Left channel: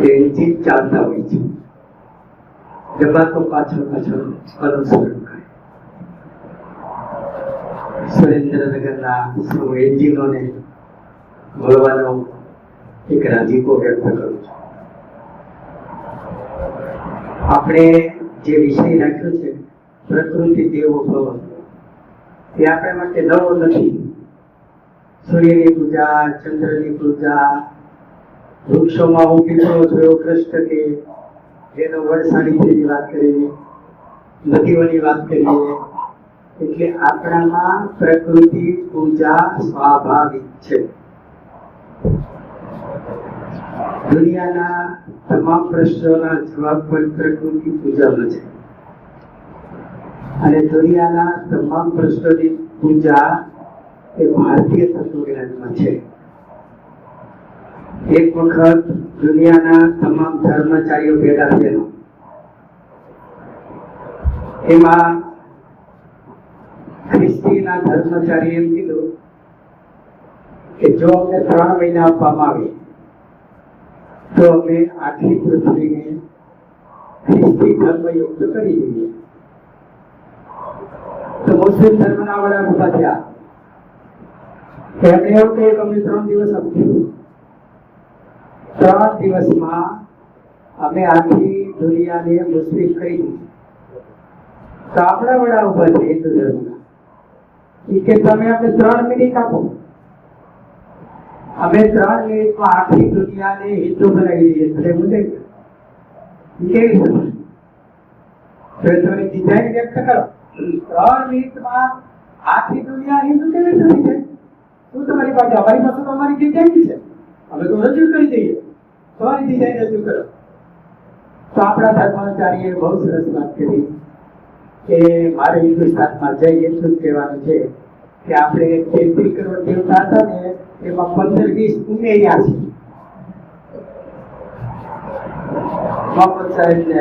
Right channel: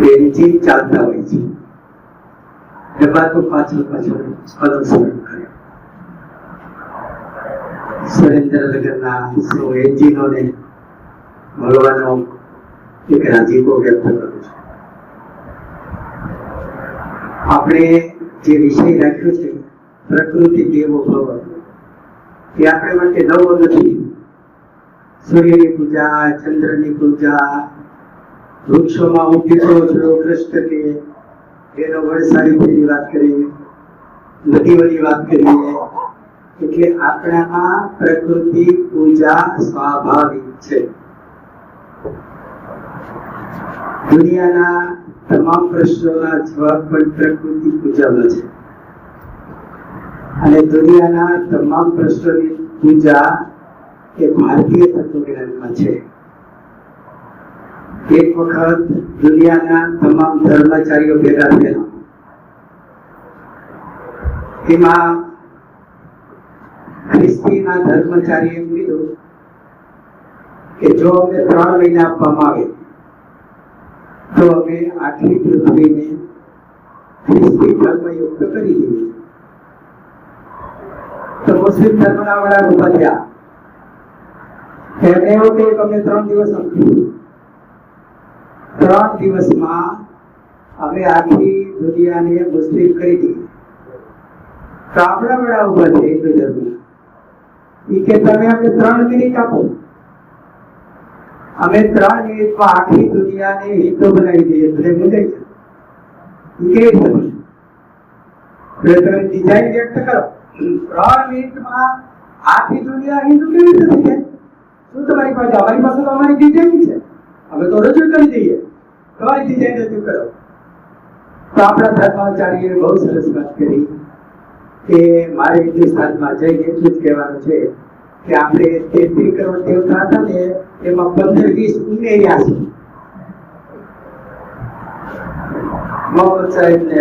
Engine ચાલતા હોય છે, ડબ્બા તો પાછળ અનુસરણ કરે. સુરેન્દ્રનગરના સૌ એન્જિનોને મળવાનો એક રાજીપો વ્યક્ત કરું છું. આપણે જે વિષય રાખ્યો છે પ્રકૃતિ દેવો ભવ, એ આપણા માટે નવો નથી. સૂર્યની પૂજા, ચંદ્રની પૂજા, વૃક્ષોમાં હું પીપળો જોયો કૃષ્ણ કે એનો વડસાવિત્રીની વાત કરીએ, નદીઓની વાત કરીએ, એટલે આપણામાં પ્રકૃતિ પૂજા સ્વાભાવિક છે. દુનિયાના તમામ પ્રશ્નોના જવાબ પણ પ્રકૃતિ પૂજામાં છે, અને દુનિયાના તમામ પ્રશ્નોની પૂજા એ ભારતીય તત્વજ્ઞાનમાં છે. એક વખત દુનિયાના તમામ ધર્મચારીઓ ભેગા થયેલા, એમાં ખ્રિસ્તીના ધર્મચારી એમ કીધું કે જો અમને 3 મહિના આપવામાં આવે તો અમે આખી પૃથ્વીને ખ્રિસ્તી ધર્મયુક્ત કરી દઈએ. તો મુસ્લિમ ધર્મના વડા ઉભા થયા, એમને એવું કહ્યું કે અમને 3 દિવસ આપજો. 3 દિવસમાં અમે આખી દુનિયાને મુસ્લિમ કરી દઈએ. તો આપણા વડા ઉભા છે હિન્દુ ધર્મના, કે તમે અમને 3 મિનિટ આપો, અમે 3 મિનિટમાં આખી દુનિયાને હિન્દુ બનાવી દઈએ. એટલે મુજાઈ કેવી રીતે તમે ડિઝાઇન વ્યક્ત કરો, 3 મિનિટમાં આખી દુનિયા હિન્દુ કેવી રીતે થઈ જાય? શું તમારી પાસે? અમારી પાસે તો અમારી ડિઝાઇન છે, અમે તો રજૂ કરી દઈએ, તમારી ડિઝાઇન રજૂ કરો. તો આપણા ધર્માચાર્યએ બહુ સરસ વાત કરી કે મારે હિન્દુસ્તાનમાં જઈને એટલું જ કહેવાનું છે કે આપણે 33 કરોડ દેવતા હતા ને, એમાં 15-20 ઉમેર્યા છે. મોહમ્મદ સાહેબ ને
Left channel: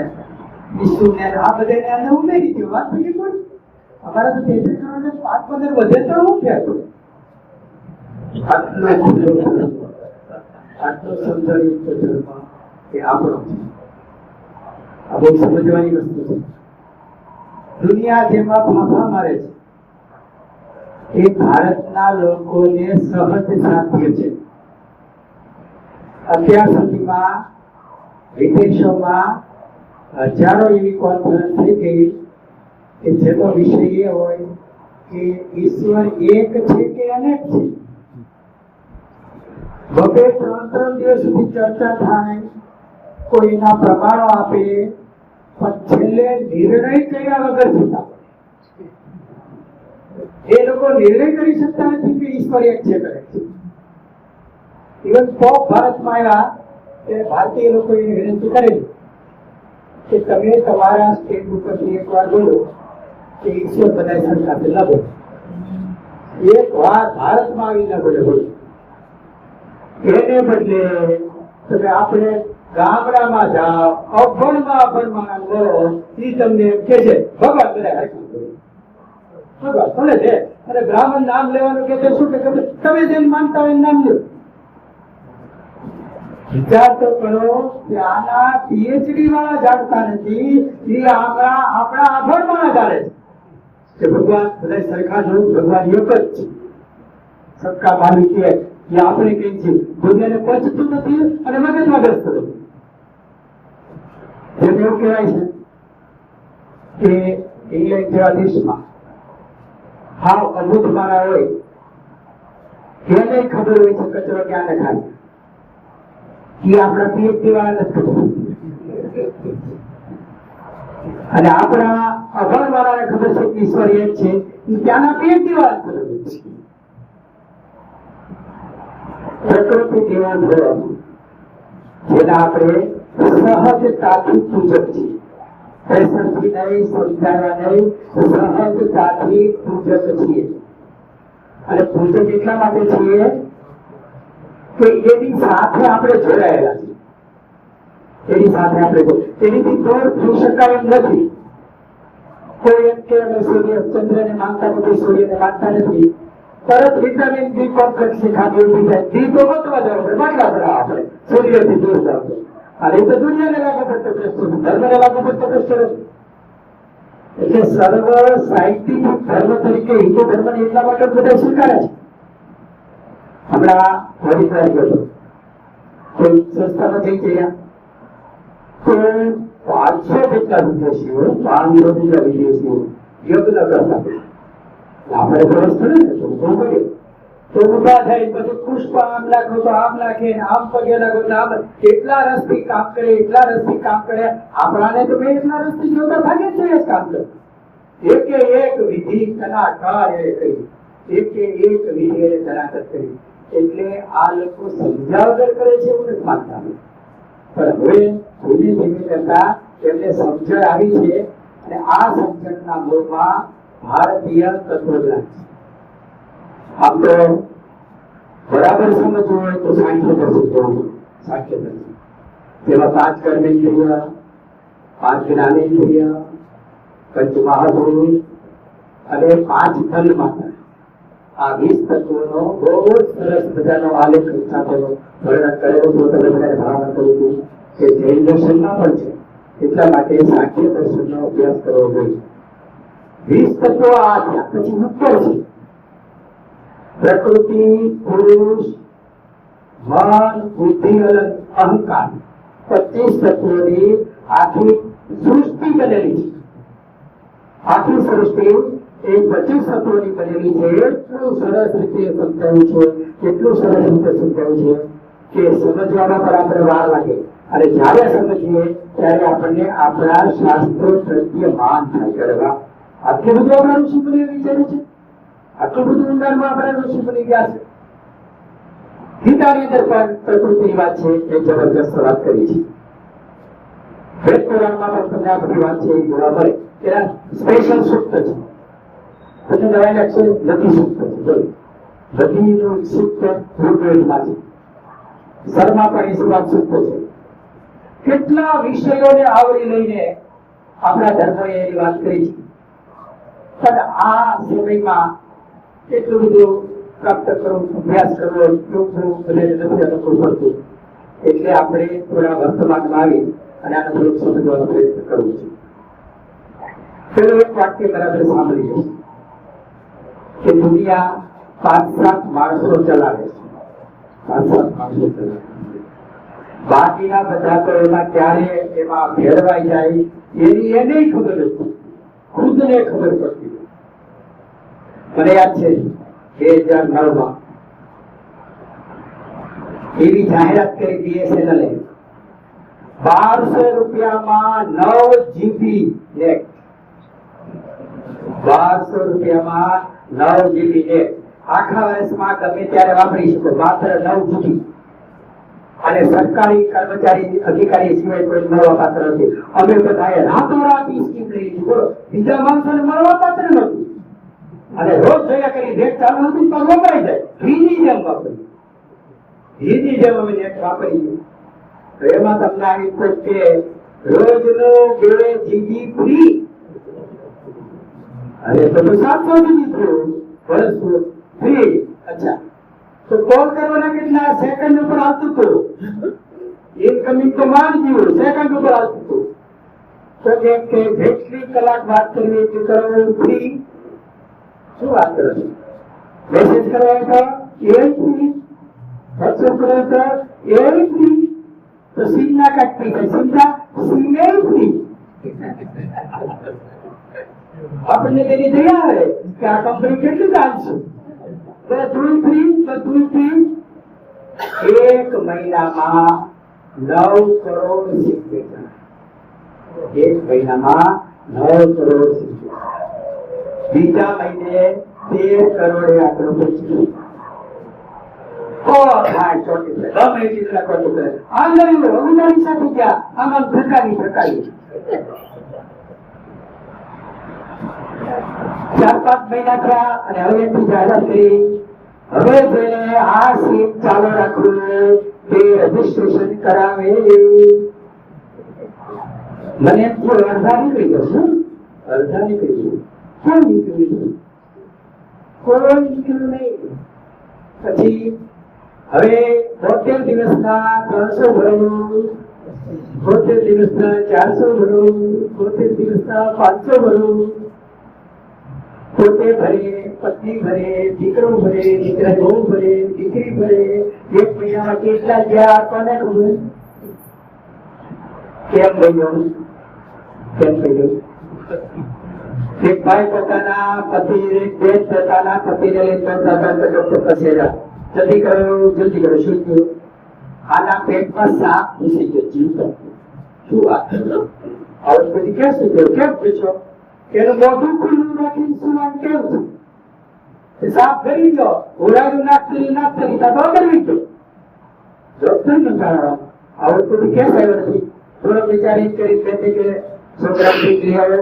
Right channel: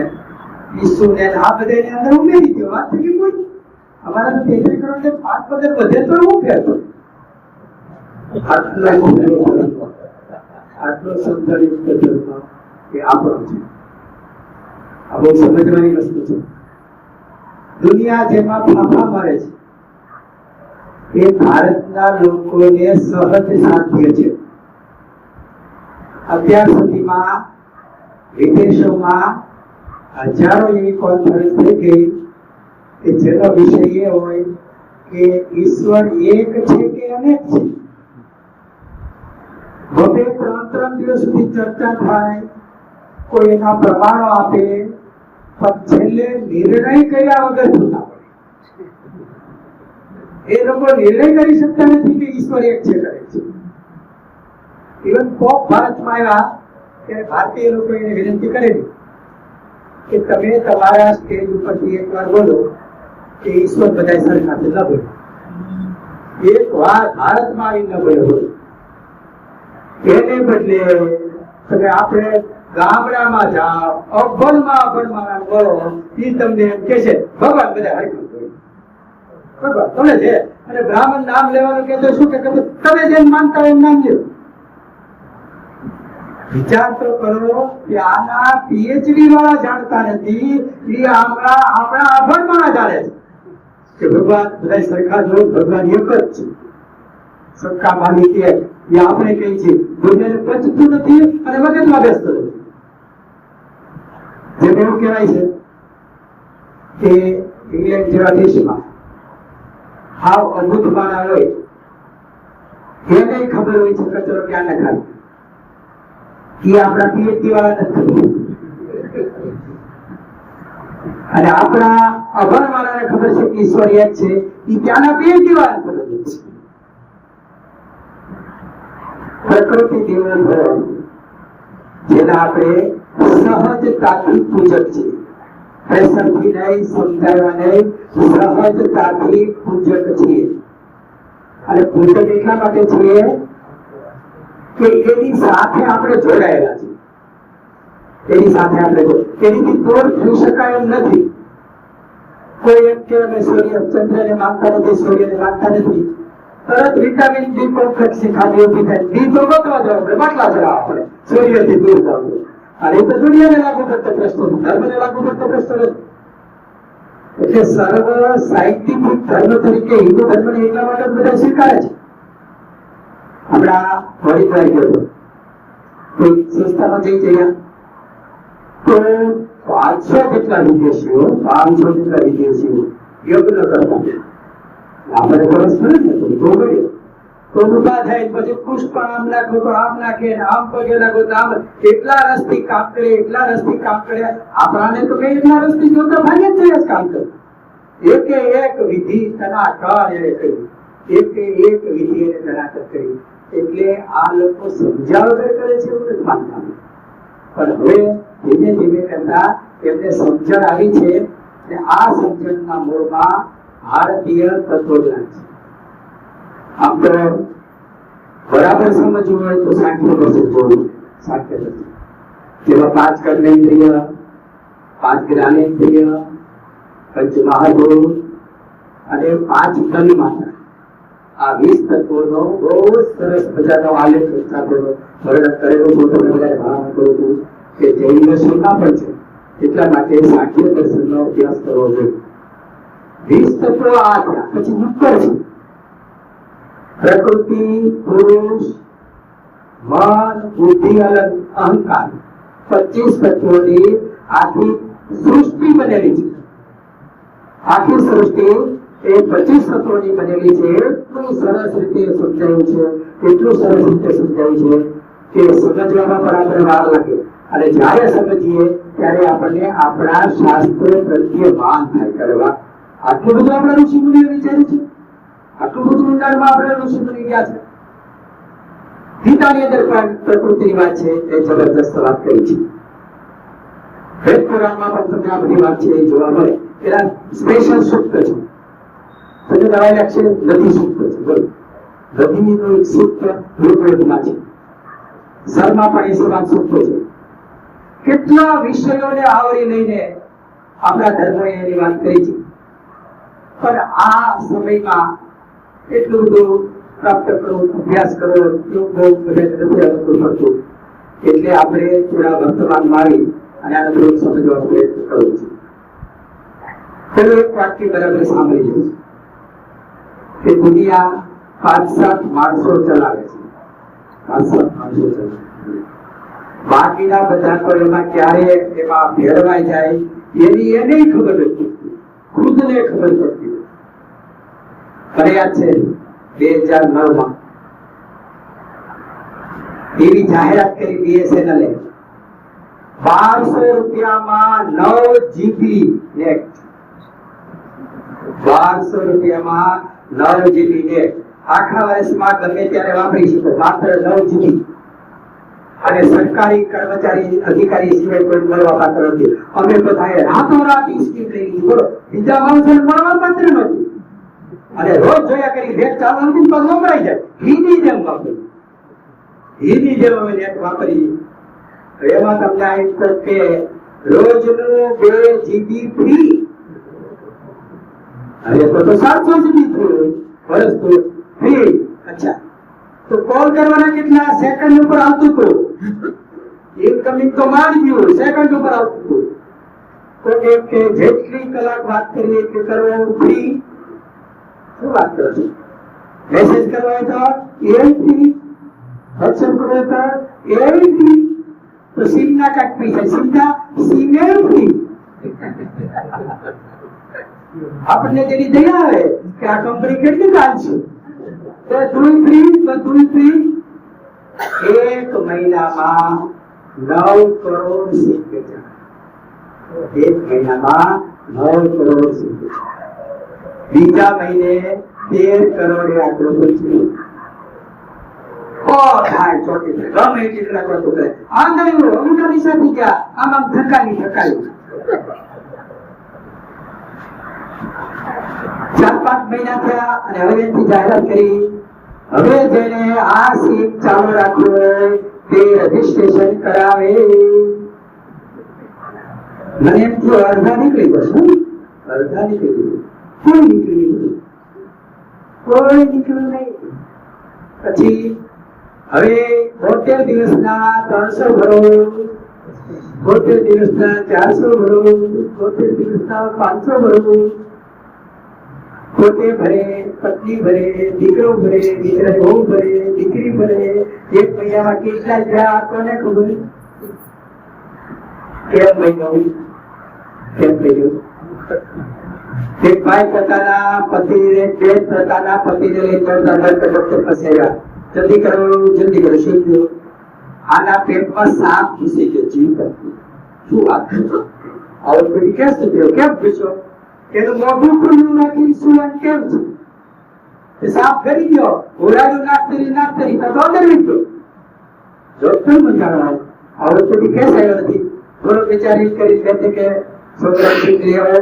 ઈસુ ને આ બધાને અંદર ઉમેરી દો. વાત થઈ ગઈ. કોઈ અમારા તો 33 કરોડ ને 5-15 વધે તો હું કહેતો. આટલો સૌંદર્યયુક્ત ધર્મ એ આપણો છે. આ બહુ સમજવાની વસ્તુ છે. દુનિયા જેમાં ફાફા મારે છે એ ભારતના લોકોને સહજ સાધ્ય છે. અત્યાર સુધીમાં વિદેશોમાં હજારો એવી કોન્ફરન્સ થઈ ગઈ કે જેનો વિષય એ હોય કે ઈશ્વર એક છે કે અનેક છે. 2-3 દિવસ સુધી ચર્ચા થાય, કોઈ એના પ્રમાણો આપે, પણ છેલ્લે નિર્ણય કર્યા વગર થતા પડે. એ લોકો નિર્ણય કરી શકતા નથી કે ઈશ્વર એક છે કરે છે. ઇવન પોપ ભારતમાં આવ્યા ત્યારે ભારતીય લોકોએ વિનંતી કરેલી કે તમે તમારા સ્ટેજ ઉપરથી એકવાર બોલો કે ઈશ્વર બધા સરખા છે, ન બોલો. એક વાત ભારતમાં આવી ન બોલો. એને બદલે તમે આપણે ગામડામાં જાઓ, અભણમાં બોલો, એ તમને કે છે ભગવાન બધા હરખું ભગવાન તમે છે. અને બ્રાહ્મણ નામ લેવાનું કે શું કે તમે જેમ માનતા હોય એમ નામ લ્યો. વિચાર તો કરો કે આના પીએચડી વાળા જાણતા નથી, એ આપણા અભણ વાળા જાણે છે કે ભગવાન બધા સરખા જો, ભગવાન એક જ છે, સબકા માલિક એક. એ આપણે કહીએ છીએ દુનિયાને પચતું નથી અને મગજમાં બેસતું નથી. જેમ એવું કહેવાય છે કે ઇંગ્લેન્ડ જેવા દેશમાં હાવ અભૂત મારા હોય, એને ખબર હોય છે કચરો ક્યાં નખાય. એ આપણા પીએચડી વાળા નથી. અને આપણા અભણ વાળાને ખબર છે કે ઈશ્વર એક છે, એ ત્યાંના પીએચડી વાળા ખબર છે. પ્રકૃતિ દેવાન ભવ, જેના આપણે સહજતાથી પૂજક છીએ. પ્રેશરથી નહીં, સમજાવવા નહીં, સહજતાથી પૂજક છીએ. અને પૂજક એટલા માટે છીએ કે એની સાથે આપણે જોડાયેલા છીએ. એની સાથે આપણે એનીથી દૂર થઈ શકાય એમ નથી. કોઈ એમ કે અમે ચંદ્રને માનતા નથી, સૂર્યને માનતા નથી, તરત વિટામિન ડી કોમ્પ્લેક્સ ખાધી ઉભી થાય. ડી તો ગોતવા જવું પડે, બાટલા ચડાવવા પડે, સૂર્યથી દૂર જવું. અને તો દુનિયાને લાગુ પડતો પ્રશ્ન, ધર્મને લાગુ પડતો પ્રશ્ન નથી. એટલે સર્વ સાહિત્યિક ધર્મ તરીકે હિન્દુ ધર્મને એટલા માટે બધા સ્વીકારે છે. હમણાં હરિદ્વાર ગયો કોઈ સંસ્થામાં જઈ ગયા તો 500 જેટલા વિદેશીઓ, 500 જેટલા વિદેશીઓ યજ્ઞ કરતા. આપણે વર્ષ થયું ને તો ગયો તો ઉભા થાય, પછી પુષ્પ આમ નાખો તો આમ નાખે, આમ પગે લાગો તો આમ, એટલા રસથી કામ કરે, એટલા રસથી કામ કરે. આપણાને તો કઈ એટલા રસથી જોતા ભાગે જ કામ કરે. એક વિધિ કનાકાર એ કરી, એક વિધિ એને કનાકર કરી. એટલે આ લોકો સમજ્યા વગર કરે છે એવું નથી માનતા. પણ હવે ધીમે ધીમે કરતા એમને સમજણ આવી છે અને આ સમજણના મૂળમાં ભારતીય તત્વજ્ઞાન છે. આમ તો બરાબર સમજવું હોય તો સાંખ્ય દર્શન જોવું. સાંખ્ય દર્શન જેમાં 5 કર્મેન્દ્રિય, 5 જ્ઞાનેન્દ્રિય, પંચ મહાભૂત અને 5 તન્માત્રા, આ 20 તત્વોનો બહુ સરસ મજાનો આલેખ સાથેનો વર્ણન કરેલો છે. તમને બધાને ભલામણ કરું છું કે જૈન દર્શનના પણ છે, એટલા માટે સાંખ્ય દર્શનનો અભ્યાસ કરવો જોઈએ. 20 તત્વો આ થયા. પછી ઉપર છે પ્રકૃતિ, પુરુષ, મન, બુદ્ધિ અને અહંકાર. 25 તત્વોની આખી સૃષ્ટિ બનેલી છે. આખી સૃષ્ટિ એ 25 તત્વોની બનેલી છે. એટલું સરસ રીતે સમજાયું છે, એટલું સરસ રીતે સમજાયું છે કે સમજવામાં પણ આપણે વાર લાગે. અને જ્યારે સમજીએ ત્યારે આપણને આપણા શાસ્ત્રો પ્રત્યે માન થાય. કરવા આટલું બધું આપણા ઋષિ મુનિએ વિચાર્યું છે, આટલું બધું ઊંડાણમાં આપણા ઋષિ મુનિ ગયા છે. ગીતાની અંદર પણ પ્રકૃતિની વાત છે એ જબરદસ્ત વાત કરી છે. વેદ પુરાણમાં પણ તમને આ બધી વાત છે એ જોવા મળે. એના સ્પેશિયલ સૂક્ત છે. તમને નવાઈ લાગશે, નથી સૂક્ત છે. બોલો, નદીનું એક સૂક્ત ઋગ્વેદમાં છે. સરમાં પણ એ વાત સૂક્ત છે. કેટલા વિષયોને આવરી લઈને આપણા ધર્મોએ એની વાત કરી છે. પણ આ સમયમાં એટલું બધું પ્રાપ્ત કરવું, અભ્યાસ કરવો એવું બહુ બધાને નથી અનુકૂળ પડતું. એટલે આપણે થોડા વર્તમાનમાં આવી અને આને થોડુંક સમજવાનો પ્રયત્ન કરવો છે. પેલું એક વાક્ય બરાબર સાંભળી જશે કે દુનિયા 5-7 માણસો ચલાવે છે. 5-7 માણસો ચલાવે, બાકીના બધા તો એમાં ક્યારે એમાં ભેળવાઈ જાય એની એને ખબર નથી, ખુદને ખબર પડતી. મને યાદ છે 2009માં એવી જાહેરાત કરી BSNL એ 1200 રૂપિયામાં 9 GB નેટ. 1200 રૂપિયામાં 9 GB નેટ આખા વર્ષમાં ગમે ત્યારે વાપરી શકો, માત્ર 9 GB. અને સરકારી કર્મચારી અધિકારી સિવાય કોઈ મળવા પાત્ર નથી. અમે બધાએ રાતોરાત સ્કીમ લઈ લીધી. બોલો, બીજા માણસોને મળવા પાત્ર નથી. અને રોજ જોયા કરી નેટ ચાલુ નથી પણ વપરાઈ જાય. ઘીની જેમ વાપરી, ઘીની જેમ અમે નેટ વાપરી. એમાં તમને આવ્યું કે રોજનું 2 GB ફ્રી. અરે તો 700 GB થયું વર્ષનું ફ્રી. અચ્છા, તો કોલ કરવાના કેટલા સેકન્ડ ઉપર આવતું હતું. ઇનકમિંગ તો મારી ગયું, સેકન્ડ ઉપર આવતું હતું. તો કે જેટલી કલાક વાત કરીએ કે કરો ફ્રી. શું વાત કરો છો? મેસેજ કરવા તો એ ફ્રી, વોટ્સએપ કરવા તો એ ફ્રી. તો સિમ ના કાટ ફ્રી થાય, સીધા સિમ એ ફ્રી. આપણને તેની દયા આવે કે આ કંપની કેટલી ચાલશે. બધું ફ્રી, બધું ફ્રી. 1 મહિનામાં 9 કરોડ સિમ વેચાણ. 1 મહિનામાં 9 કરોડ સિમ વેચાણ. બીજા મહિને 13 કરોડે આટલું વેચ્યું. થાય ચોટી ગમે એટલા ખોટું કરે. આ ગયું ઊંડાની સાથે ગયા, આમ થકાયું. 4-5 મહિના થયા અને હવે એની જાહેરાત કરી. હવે જેને આ સીમ ચાલુ રાખવું હોય તે રજીસ્ટ્રેશન કરાવે. મને એમ થયું અડધા નીકળી જશે, અડધા નીકળી જશે. કોઈ નીકળ્યું નહીં. પછી હવે 72 દિવસના 300 ભરો, 72 દિવસના 400 ભરવું, 72 દિવસના 500 ભરવું. પોતે ભરે, પત્ની ભરે, દીકરો ભરે, દીકરા બહુ ભરે, દીકરી ભરે. એક મહિનામાં કેટલા ગયા કોને ખબર? કેમ ભાઈ કેમ થયું? એક ભાઈ પોતાના પતિને બેન પોતાના પતિને લઈ ડોક્ટર પાસે ગયા. જલ્દી કરો શું થયું? આના પેટમાં સાપ ઘૂસી ગયો. જીવ શું વાત કરો? આવું પછી કેમ થયું? કેમ પૂછો? એનું મોઢું ખુલ્લું રાખી શું કેમ છે? સાપ કરી ગયો, ઉડાડ્યું નાખતી તો અંદર ગયો. ડોક્ટર મંગાણો આવું પછી કેસ આવ્યો નથી. થોડો વિચારી કરી કહે છે કે છોકરા લઈ આવો,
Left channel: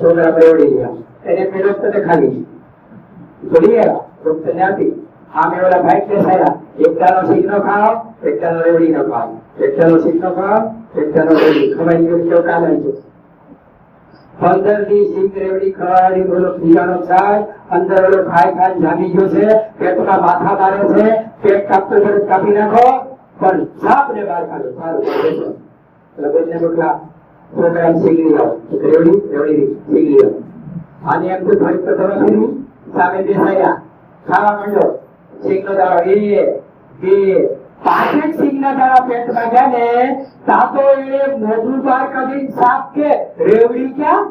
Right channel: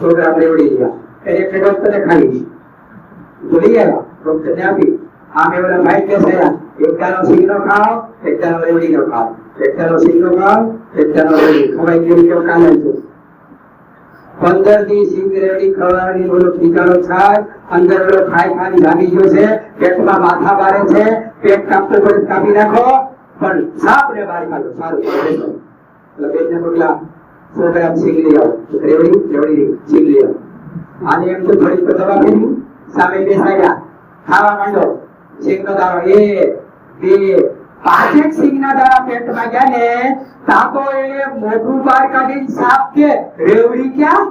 છોકરા બેવડી ગયા. એને ડોક્ટરને ખાલી બોલી આવ્યા, ડોક્ટરને આપી. આમે ઓલા ભાઈ કેસ આવ્યા, એકટાનો સિંગનો ખાઓ, એકટાનો રેવડીનો ખાઓ, એકટાનો સિંગનો ખાઓ, એકટાનો રેવડી ખવાઈ ગયું કેવું કાલે છે. 15 દી સિંગ રેવડી ખવાડી બોલો ટીકાનો થાય. અંદર ઓલો ખાઈ જાગી ગયો છે, પેટમાં માથા મારે છે, પેટ કાપતું પડે કાપી નાખો, પણ સાપ ને બહાર કાઢો. સારું એટલે બેનને મોકલા 100 ગ્રામ સિંગ લઈ આવો. રેવડી સિંગ લઈ આવો. આને એમ તો ફરી તો દવા ફેરી સામે બેસાડ્યા, ખાવા માંડો. સિંગનો દાણો 1 2 5 સિંગના દાણા પેટમાં ગયા ને તાતો એને મોઢું બહાર કાઢીને સાપ કે રેવડી ક્યાં?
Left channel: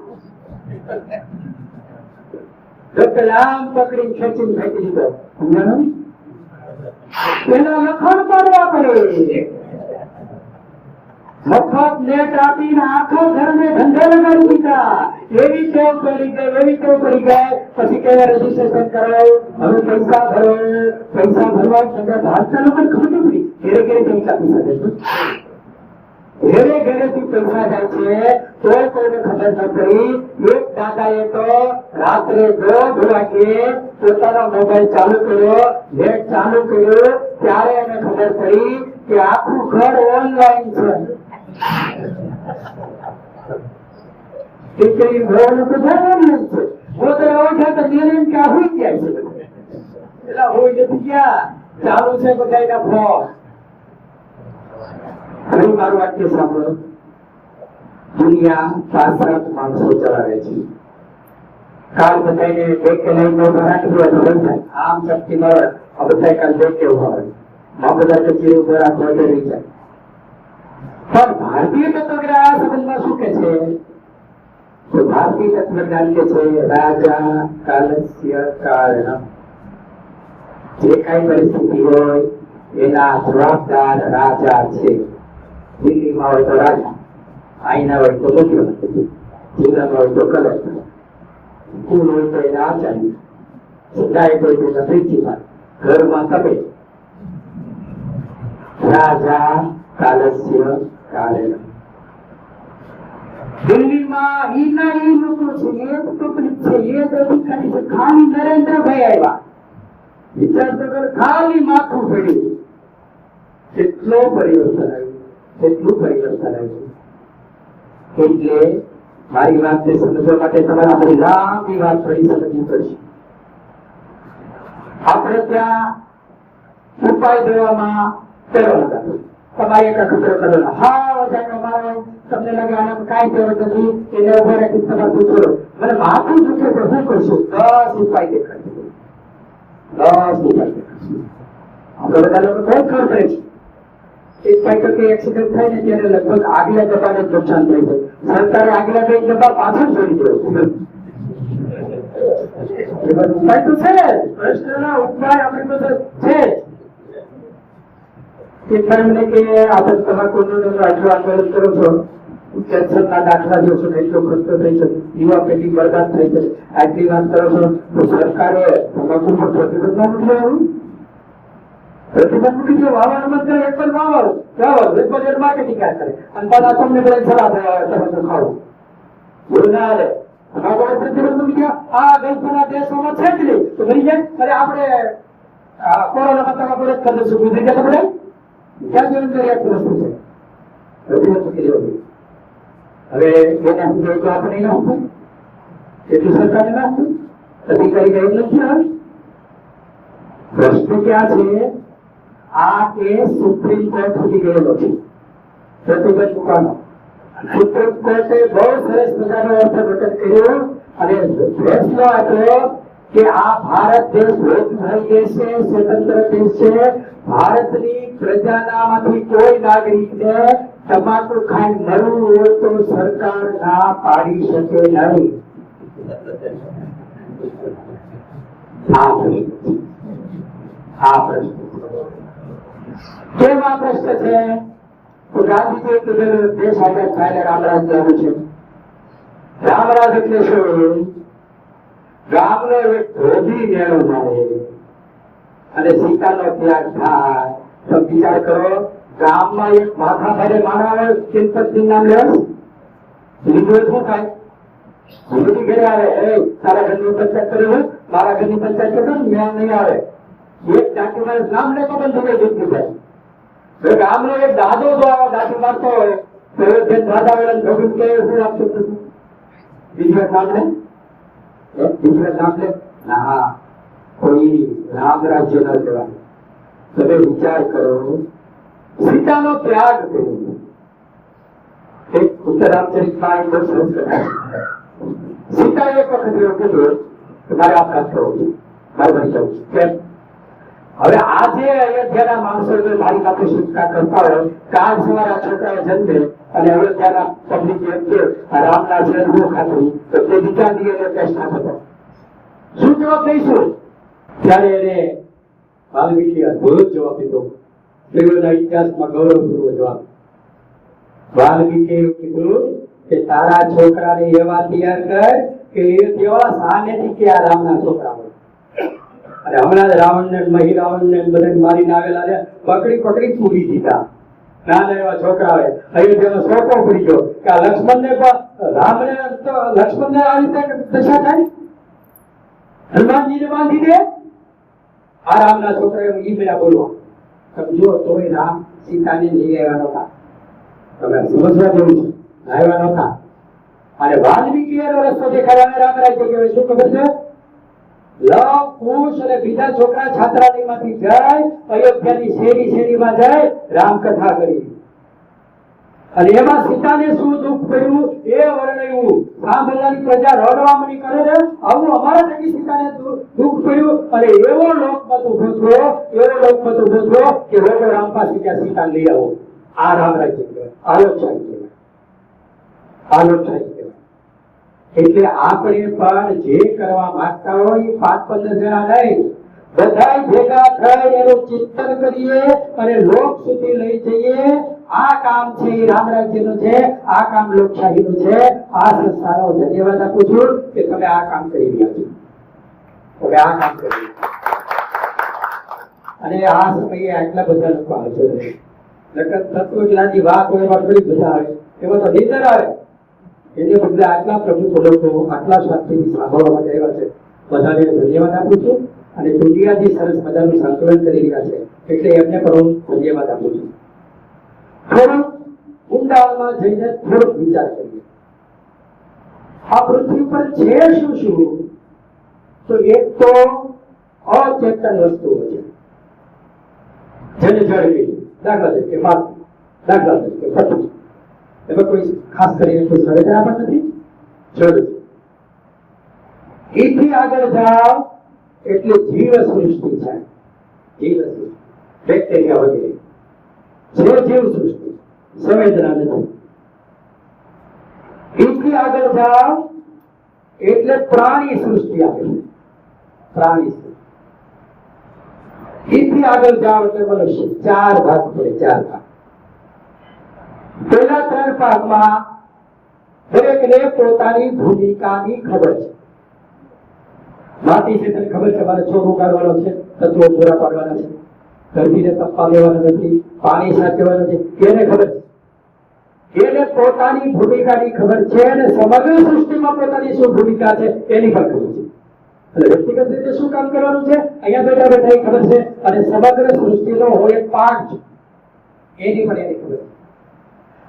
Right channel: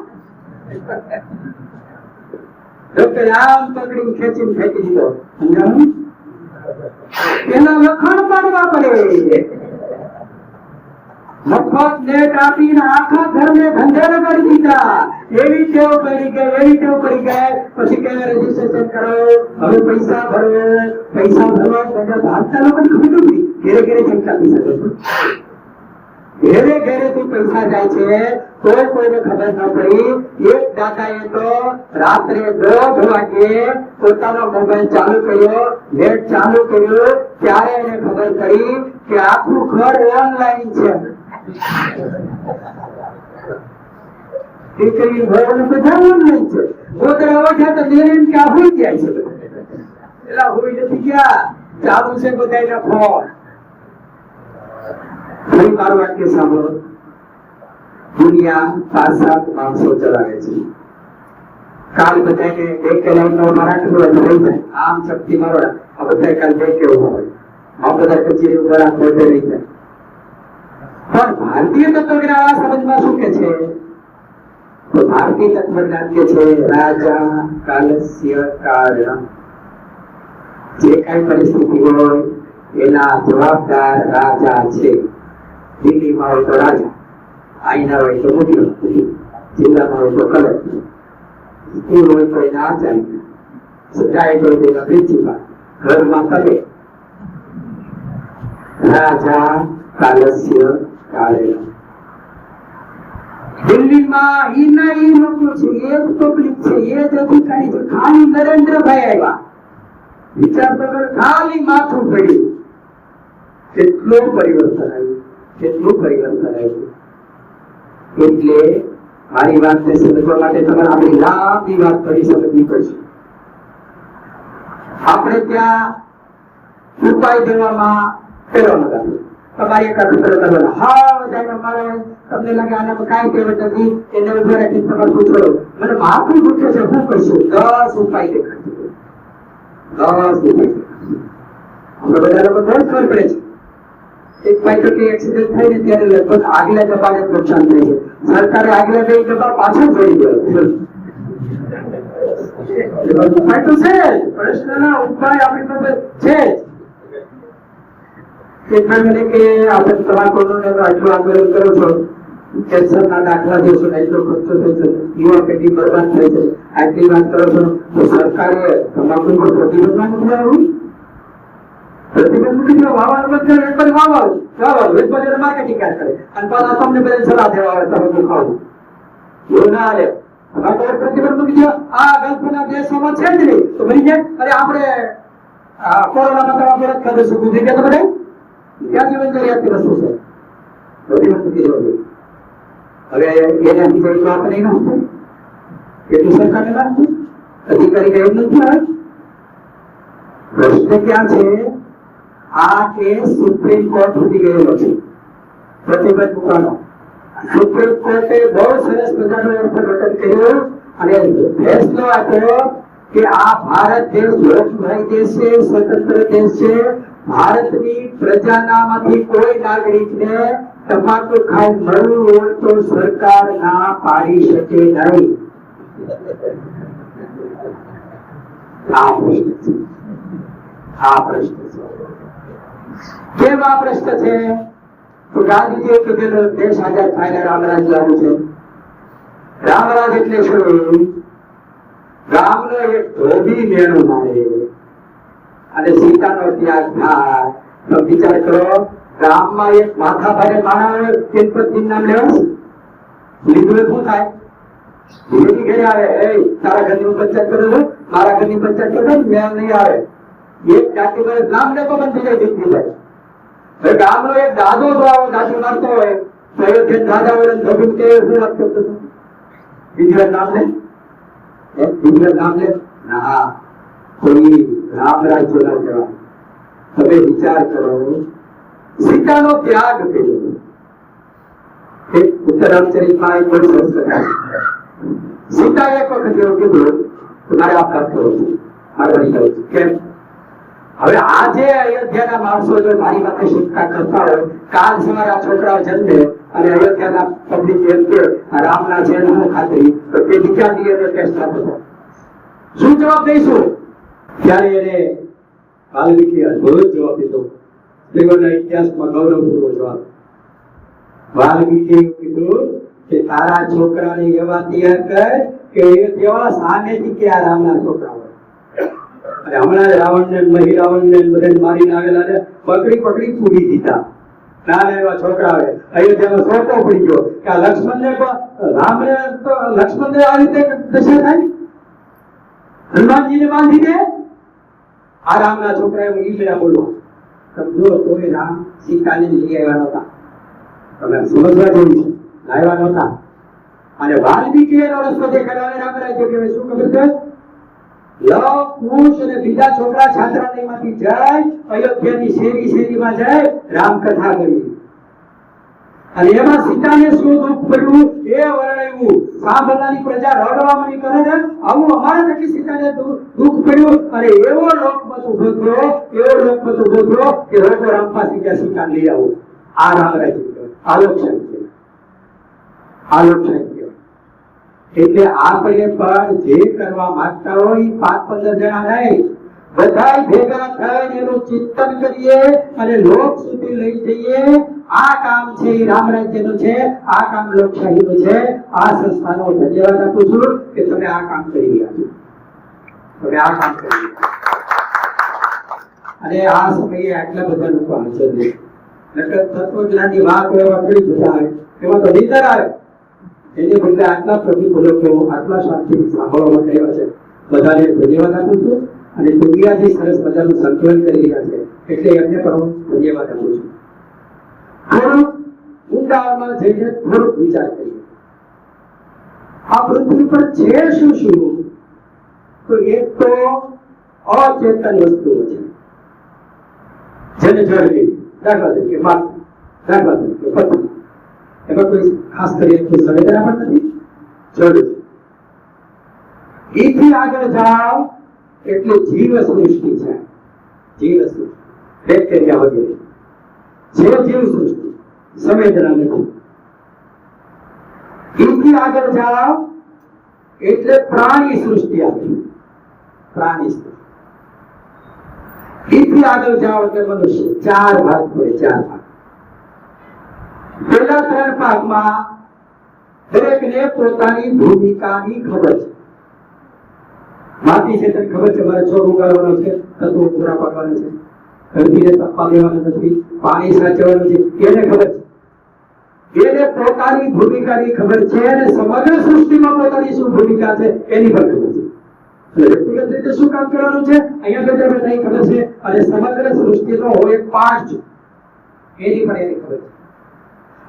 ડોક્ટર આમ પકડીને ખેંચીને ફેંકી દીધો. પેલા લખણ પાડવા પડે. મફત નેટ આપીને આખા ઘરને ધંધે લગાડી દીધા. એવી ટેવ પડી ગઈ. પછી કહેવા રજીસ્ટ્રેશન કરો, હવે પૈસા ભરો. પૈસા ભરવા ભારતના લોકોને ખબર નથી. ઘેરે પૈસા આપી શકે છે. ઘેરે થી પૈસા જાય છે તોય કોઈને ખબર ન પડી. એક દાદાએ તો રાત્રે 1:30 વાગે પોતાનો મોબાઈલ ચાલુ કર્યો, નેટ ચાલુ કર્યું, ત્યારે એને ખબર પડી કે આખું ઘર ઓનલાઈન છે. દીકરી ભણ બધા ઓનલાઈન છે. ગોદરા ઓઠા તો નિર્ણય કે હોઈ જાય છે. એલા હોઈ નથી ગયા, ચાલુ છે બધાના ફોન. ફરી મારું વાક્ય સાંભળો. દુનિયા 5-7 માણસો ચલાવે છે. કાલ બધાને એક લાઈનનો મરાઠો લઈ જાય, આમ શક્તિ મારવા આ બધા કાલ બે કેવું હોય, આ બધા કચેરી ઉપર આ મોઢે રહી જાય. પણ ભારતીય તત્વજ્ઞાન આ સંબંધમાં શું કે છે? તો ભારતીય તત્વજ્ઞાન કે છે રાજા કાલસ્ય કારણ. જે કઈ પરિસ્થિતિ હોય એના જવાબદાર રાજા છે. દિલ્હીમાં હોય તો રાજા, આઈના હોય તો મુખ્યમંત્રી, જિલ્લામાં હોય તો કલેક્ટર, સ્કૂલ હોય તો એના આચાર્ય, સજાયત હોય તો એના પ્રિન્સિપાલ, ઘરમાં તમે. રાજા કાલસ્ય કારેલા. દિલ્હીમાં ઈના ઈ લોકો છે, એ જ પબ્લિક છે, એ જ અધિકારી છે. ખાલી નરેન્દ્રભાઈ આવ્યા, વિચાર તો કર, ખાલી માથું પડ્યું, કેટલું પરિવર્તન આવ્યું. એટલે મારી વાતને સમજવા માટે તમારે આપણી લાંબી વાત ફરી સમજવી પડશે. આપણે ત્યાં ઉપાય દેવામાં પેલો નંબર તમારી એક અખતરો કરવાનો. હા વધારે મારે તમને લાગે આનામાં કાંઈ કહેવત નથી, એને ઉભા રાખી તમારે પૂછો મને માથું દુખે છે, શું કરશું? 10 ઉપાય દેખાડશે. 10 ઉપાય આપણે બધા લોકો બહુ ખબર પડે છે. એક ભાઈ તો કે એક્સિડન્ટ થાય ને ત્યારે લગભગ આગલા ડબ્બાને નુકસાન થાય છે. સરકારે આગલા 2 ડબ્બા પાછળ જોડી દો. ઉપાય તો છે, પ્રશ્નના ઉપાય આપણી પાસે છે. મને કે આપણે તમાકુનું આટલું આંદોલન કરો છો, કેન્સરના દાખલા જોશો ને એટલો ખર્ચો થઈ છે, યુવા પેઢી બરબાદ થઈ છે, આટલી વાત કરો છો, તો સરકારે તમાકુ પર પ્રતિબંધ નથી આવ્યું. પ્રતિબંધ મૂકી દો, વાવવાનું બંધ કરે, એક બાજુ વાવવાનું, એક બાજુ માર્કેટિંગ કરે, અને પાછા તમને બધા સલાહ દેવા આવે તમાકુ ખાવું. એવું ના હાલે. પ્રતિબંધ મૂકી દો. આ ગલ્ફના દેશોમાં છે જ નહીં તો મરી જાય. અરે આપણે કોરોનામાં તમાકુ રદ કરી દઈશું, ગુજરી ગયા તો બધા ક્યાં જીવન જરૂરિયાતની વસ્તુ છે. પ્રતિબંધ મૂકી દેવો જોઈએ. હવે એનાથી જાય તો આપણે એનો હતું એટલું સરકારને ના હતું, અધિકારી કઈ નથી આવે. પ્રશ્ન ક્યાં છે? આ કેસ સુપ્રીમ કોર્ટ સુધી ગયેલો છે. પ્રતિબંધ મૂકવાનો. સુપ્રીમ કોર્ટે બહુ સરસ મજાનો અર્થઘટન કર્યું અને ફેસલો આપ્યો કે આ ભારત દેશ લોકશાહી દેશ છે, સ્વતંત્ર દેશ છે. ભારતની પ્રજાનામાંથી કોઈ નાગરિકને તમાકુ ખાઈ મરવું હોય તો સરકાર ના પાડી શકે નહીં. આ પ્રશ્ન છે. કેમ આ પ્રશ્ન છે? તો ગાંધીજીએ કીધેલું દેશ આઝાદ થઈને રામરાજ લાવવું છે. રામરાજ એટલે શું? રામનો એક ધોબી મેળો મળે અને સીતાનો ત્યાગ થાય. તો વિચાર કરો, ગામમાં એક માથા ભારે માણા આવે, ગણપતિ નામ લેવાનું લીધું શું થાય? ધીરે ઘરે આવે, એ તારા ઘરની પંચાયત કરું છું, મારા ઘરની પંચાયત કરું, મેં નહીં આવે. એક જાતિ મારે નામ ને પણ થઈ જાય જીતી જાય. ગામનો એક દાદો જો આવો દાદી મારતો હોય તો રાજા વડે ધોબી કે શું આપતો બીજી નામ લે, બીજી નામ લે ના, કોઈ રામ રાજ્ય ના કહેવાય. તમે વિચાર કરો, સીતાનો ત્યાગ કર્યો. એક ઉત્તર રામચરિતમાં એક બહુ સરસ કથા. સીતા એક વખત એવું કીધું કે મારે આ કામ કરવું છે, મારે બની જવું છે. કેમ? હવે આજે અયોધ્યાના માણસો જો મારી માટે શિક્ષા કરતા હોય, કાલ સવારે આ છોકરાઓ જન્મે અને અયોધ્યાના પબ્લિક એમ કે રામના છે હું ખાતરી, તો તે બીજા દિવસે ટેસ્ટ થતો શું જવાબ દઈશું? ત્યારે એને વાલ્મીકી અદ્ભુત જવાબ દીધો. સ્ત્રીઓના ઇતિહાસમાં ગૌરવપૂર્વક જવાબ. વાલ્મીકી કીધું કે તારા છોકરાને એવા તૈયાર કર કે અયોધ્યા સામેથી કે આ રામના છોકરા હોય. અને હમણાં રાવણને મહિરાવણને બધાને મારીને આવેલા ને પકડી પૂરી દીધા. નાના એવા છોકરા આવે અયોધ્યામાં સોપો પડી ગયો કે આ લક્ષ્મણને રામને તો લક્ષ્મણને આ રીતે દશા થાય, હનુમાનજીને બાંધી દે. આ રામના છોકરાએ ઈ મેળા બોલવા સમજો તોય રામ સીતાને લઈ આવ્યા નહોતા. તમે સમજવા જેવું છે, આવ્યા નહોતા. અને વાલ્મીકી એનો રસ્તો દેખાડ્યો. રામ રાજ્ય કહેવાય. શું ખબર છે? લવ કુશ અને બીજા છોકરા છાત્રાલયમાંથી જાય, અયોધ્યાની શેરીમાં જાય, રામ કથા કરી. અને એમાં સીતાને શું દુઃખ પડ્યું એ વર્ણવ્યું. સાંભળનારી પ્રજા રડવા મળી કરે ને, આવું અમારા થકી સીતાને દુઃખ પડ્યું. અને એવો લોકમત ઉભો થયો કે લોકો રામ પાસે ગયા સીતા લઈ આવો. આ રામ રાજ્ય કહેવાય, આલોકશાહી કહેવાય, આલોકશાહી કહેવાય. એટલે આપણે પણ જે કરવા માંગતા હોય 5-15 જણા નહીં, બધા ભેગા થઈ એનું ચિંતન કરીએ અને લોક સુધી લઈ જઈએ. આ કામ છે એ રામ રાજ્યનું છે, આ કામ લોકશાહીનું છે. આ સંસ્થાનો ધન્યવાદ આપું છું કે તમે આ કામ કરી રહ્યા છો, તમે આ કામ કરી રહ્યા છો. અને આ સમયે આટલા બધા લોકો હાજર છે. તત્વજ્ઞાનની વાત હોય એમાં ઘણી બધા આવે, એમાં તો નીંદર આવે. એની બદલે આટલા પ્રભુ લોકો આટલા શાંતિથી સાંભળવા માટે આવ્યા છે. બધાને ધન્યવાદ આપું છું. અને દુનિયાથી સરસ મજાનું સંકલન કરી રહ્યા છે એટલે એમને પણ હું ધન્યવાદ આપું છું. થોડુંક ઊંડાણમાં જઈને થોડોક વિચાર કરીએ. આ પૃથ્વી પર છે શું શું? તો એક તો અચેતન વસ્તુઓ છે, જેને જળવી, દાખલા તરીકે માટી, દાખલા તરીકે પથ્થર. એમાં કોઈ ખાસ કરીને કોઈ સંવેદના પણ નથી, જળ છે. એથી આગળ જાઓ એટલે જીવ સૃષ્ટિ છે. જીવ સૃષ્ટિ, બેક્ટેરિયા વગેરે જે જીવ સૃષ્ટિ, સંવેદના નથી. એથી આગળ જાઓ એટલે પ્રાણી સૃષ્ટિ આવે, પ્રાણી સૃષ્ટિ. એથી આગળ જાઓ એટલે મનુષ્ય. 4 ભાગ પડે, 4 ભાગ. પહેલા 3 ભાગમાં દરેકને પોતાની ભૂમિકાની ખબર છે. માટી છે તને ખબર છે મારે છોડ ઉગાડવાનો છે, તત્વો પૂરા પાડવાના છે, ધરતીને તપવા દેવાના નથી, પાણી સાચવવાનું છે, એને ખબર છે. એને પોતાની ભૂમિકાની ખબર છે અને સમગ્ર સૃષ્ટિમાં પોતાની શું ભૂમિકા છે એની પણ ખબર છે. અને વ્યક્તિગત રીતે શું કામ કરવાનું છે અહીંયા બેઠા બેઠા એ ખબર છે. અને સમગ્ર સૃષ્ટિનો હોય પાર્ટ છે એની પણ એની ખબર છે.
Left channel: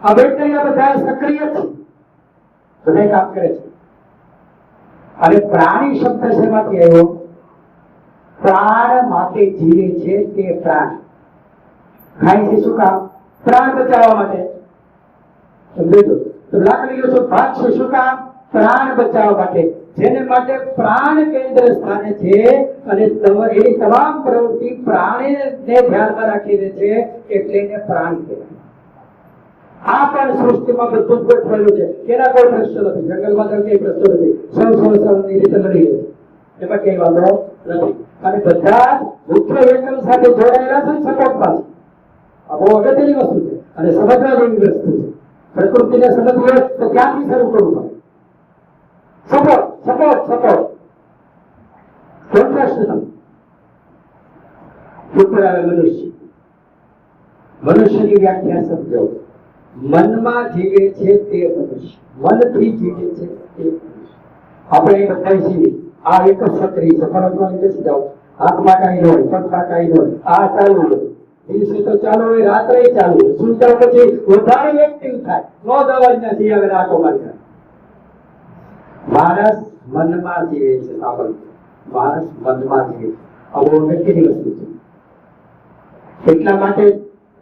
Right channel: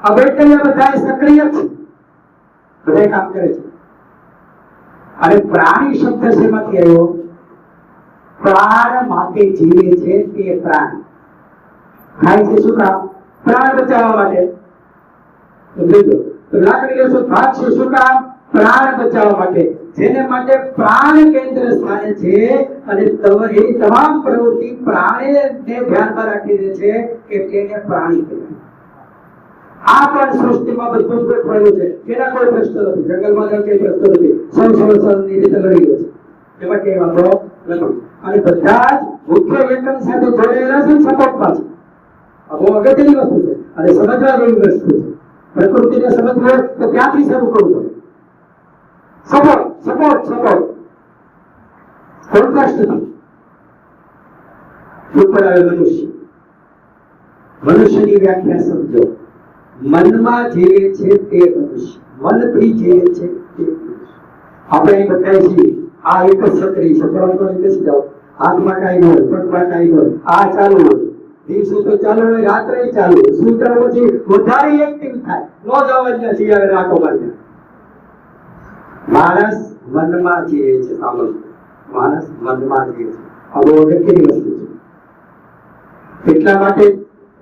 આ બેક્ટેરિયા બધા સક્રિય છે, બધા કામ કરે છે. અને પ્રાણી શબ્દ શેમાંથી આવ્યો? પ્રાણ માટે જીવે છે તે પ્રાણી. ખાય છે શું કામ? પ્રાણ બચાવવા માટે. સમજો તો લાકડી લેશો ભાગશે શું કામ? પ્રાણ બચાવવા માટે, જેને માટે પ્રાણ કેન્દ્ર સ્થાને છે અને એ તમામ પ્રવૃત્તિ પ્રાણીને ધ્યાનમાં રાખીને છે એટલે એને પ્રાણી કહેવાય. આ પણ સૃષ્ટિમાં બધું જ ગોઠવાયેલું છે, એના કોઈ પ્રશ્ન નથી. જંગલમાં કઈ પ્રશ્ન નથી, સૌની રીતે લડી રહ્યો છે, એમાં કઈ વાંધો નથી. અને બધા જ મુખ્ય એકમ સાથે જોડાયેલા છે, સપોર્ટમાં છે. આ બહુ અગત્યની વસ્તુ છે અને સમજવા જેવી વસ્તુ છે. પ્રકૃતિને સમજવું હોય તો ક્યાંથી શરૂ કરવું પડે? સપોર્ટ સપોર્ટ સપોર્ટ કોન્ટ્રાસ્ટ નથી. ઉપર આવે મનુષ્યની વ્યાખ્યા સમજો. મનમાં જીવે છે તે મનુષ્ય, મનથી જીવે છે તે મનુષ્ય. આપણે બધા છીએ આ એક જ સક્રિય છે, પરંતુ બેસી જાઓ, હાથમાં કાંઈ ન હોય, પગમાં કાંઈ ન હોય, આ ચાલુ હોય, દિવસે તો ચાલુ હોય, રાત્રે ચાલુ હોય, સુતા પછી વધારે એક્ટિવ થાય, નો જવાજ નથી આવે રાતો મારી. માણસ મનમાં જીવે છે. સાંભળો, માણસ મનમાં જીવે છે. આ બહુ અગત્યની વસ્તુ છે. એટલા માટે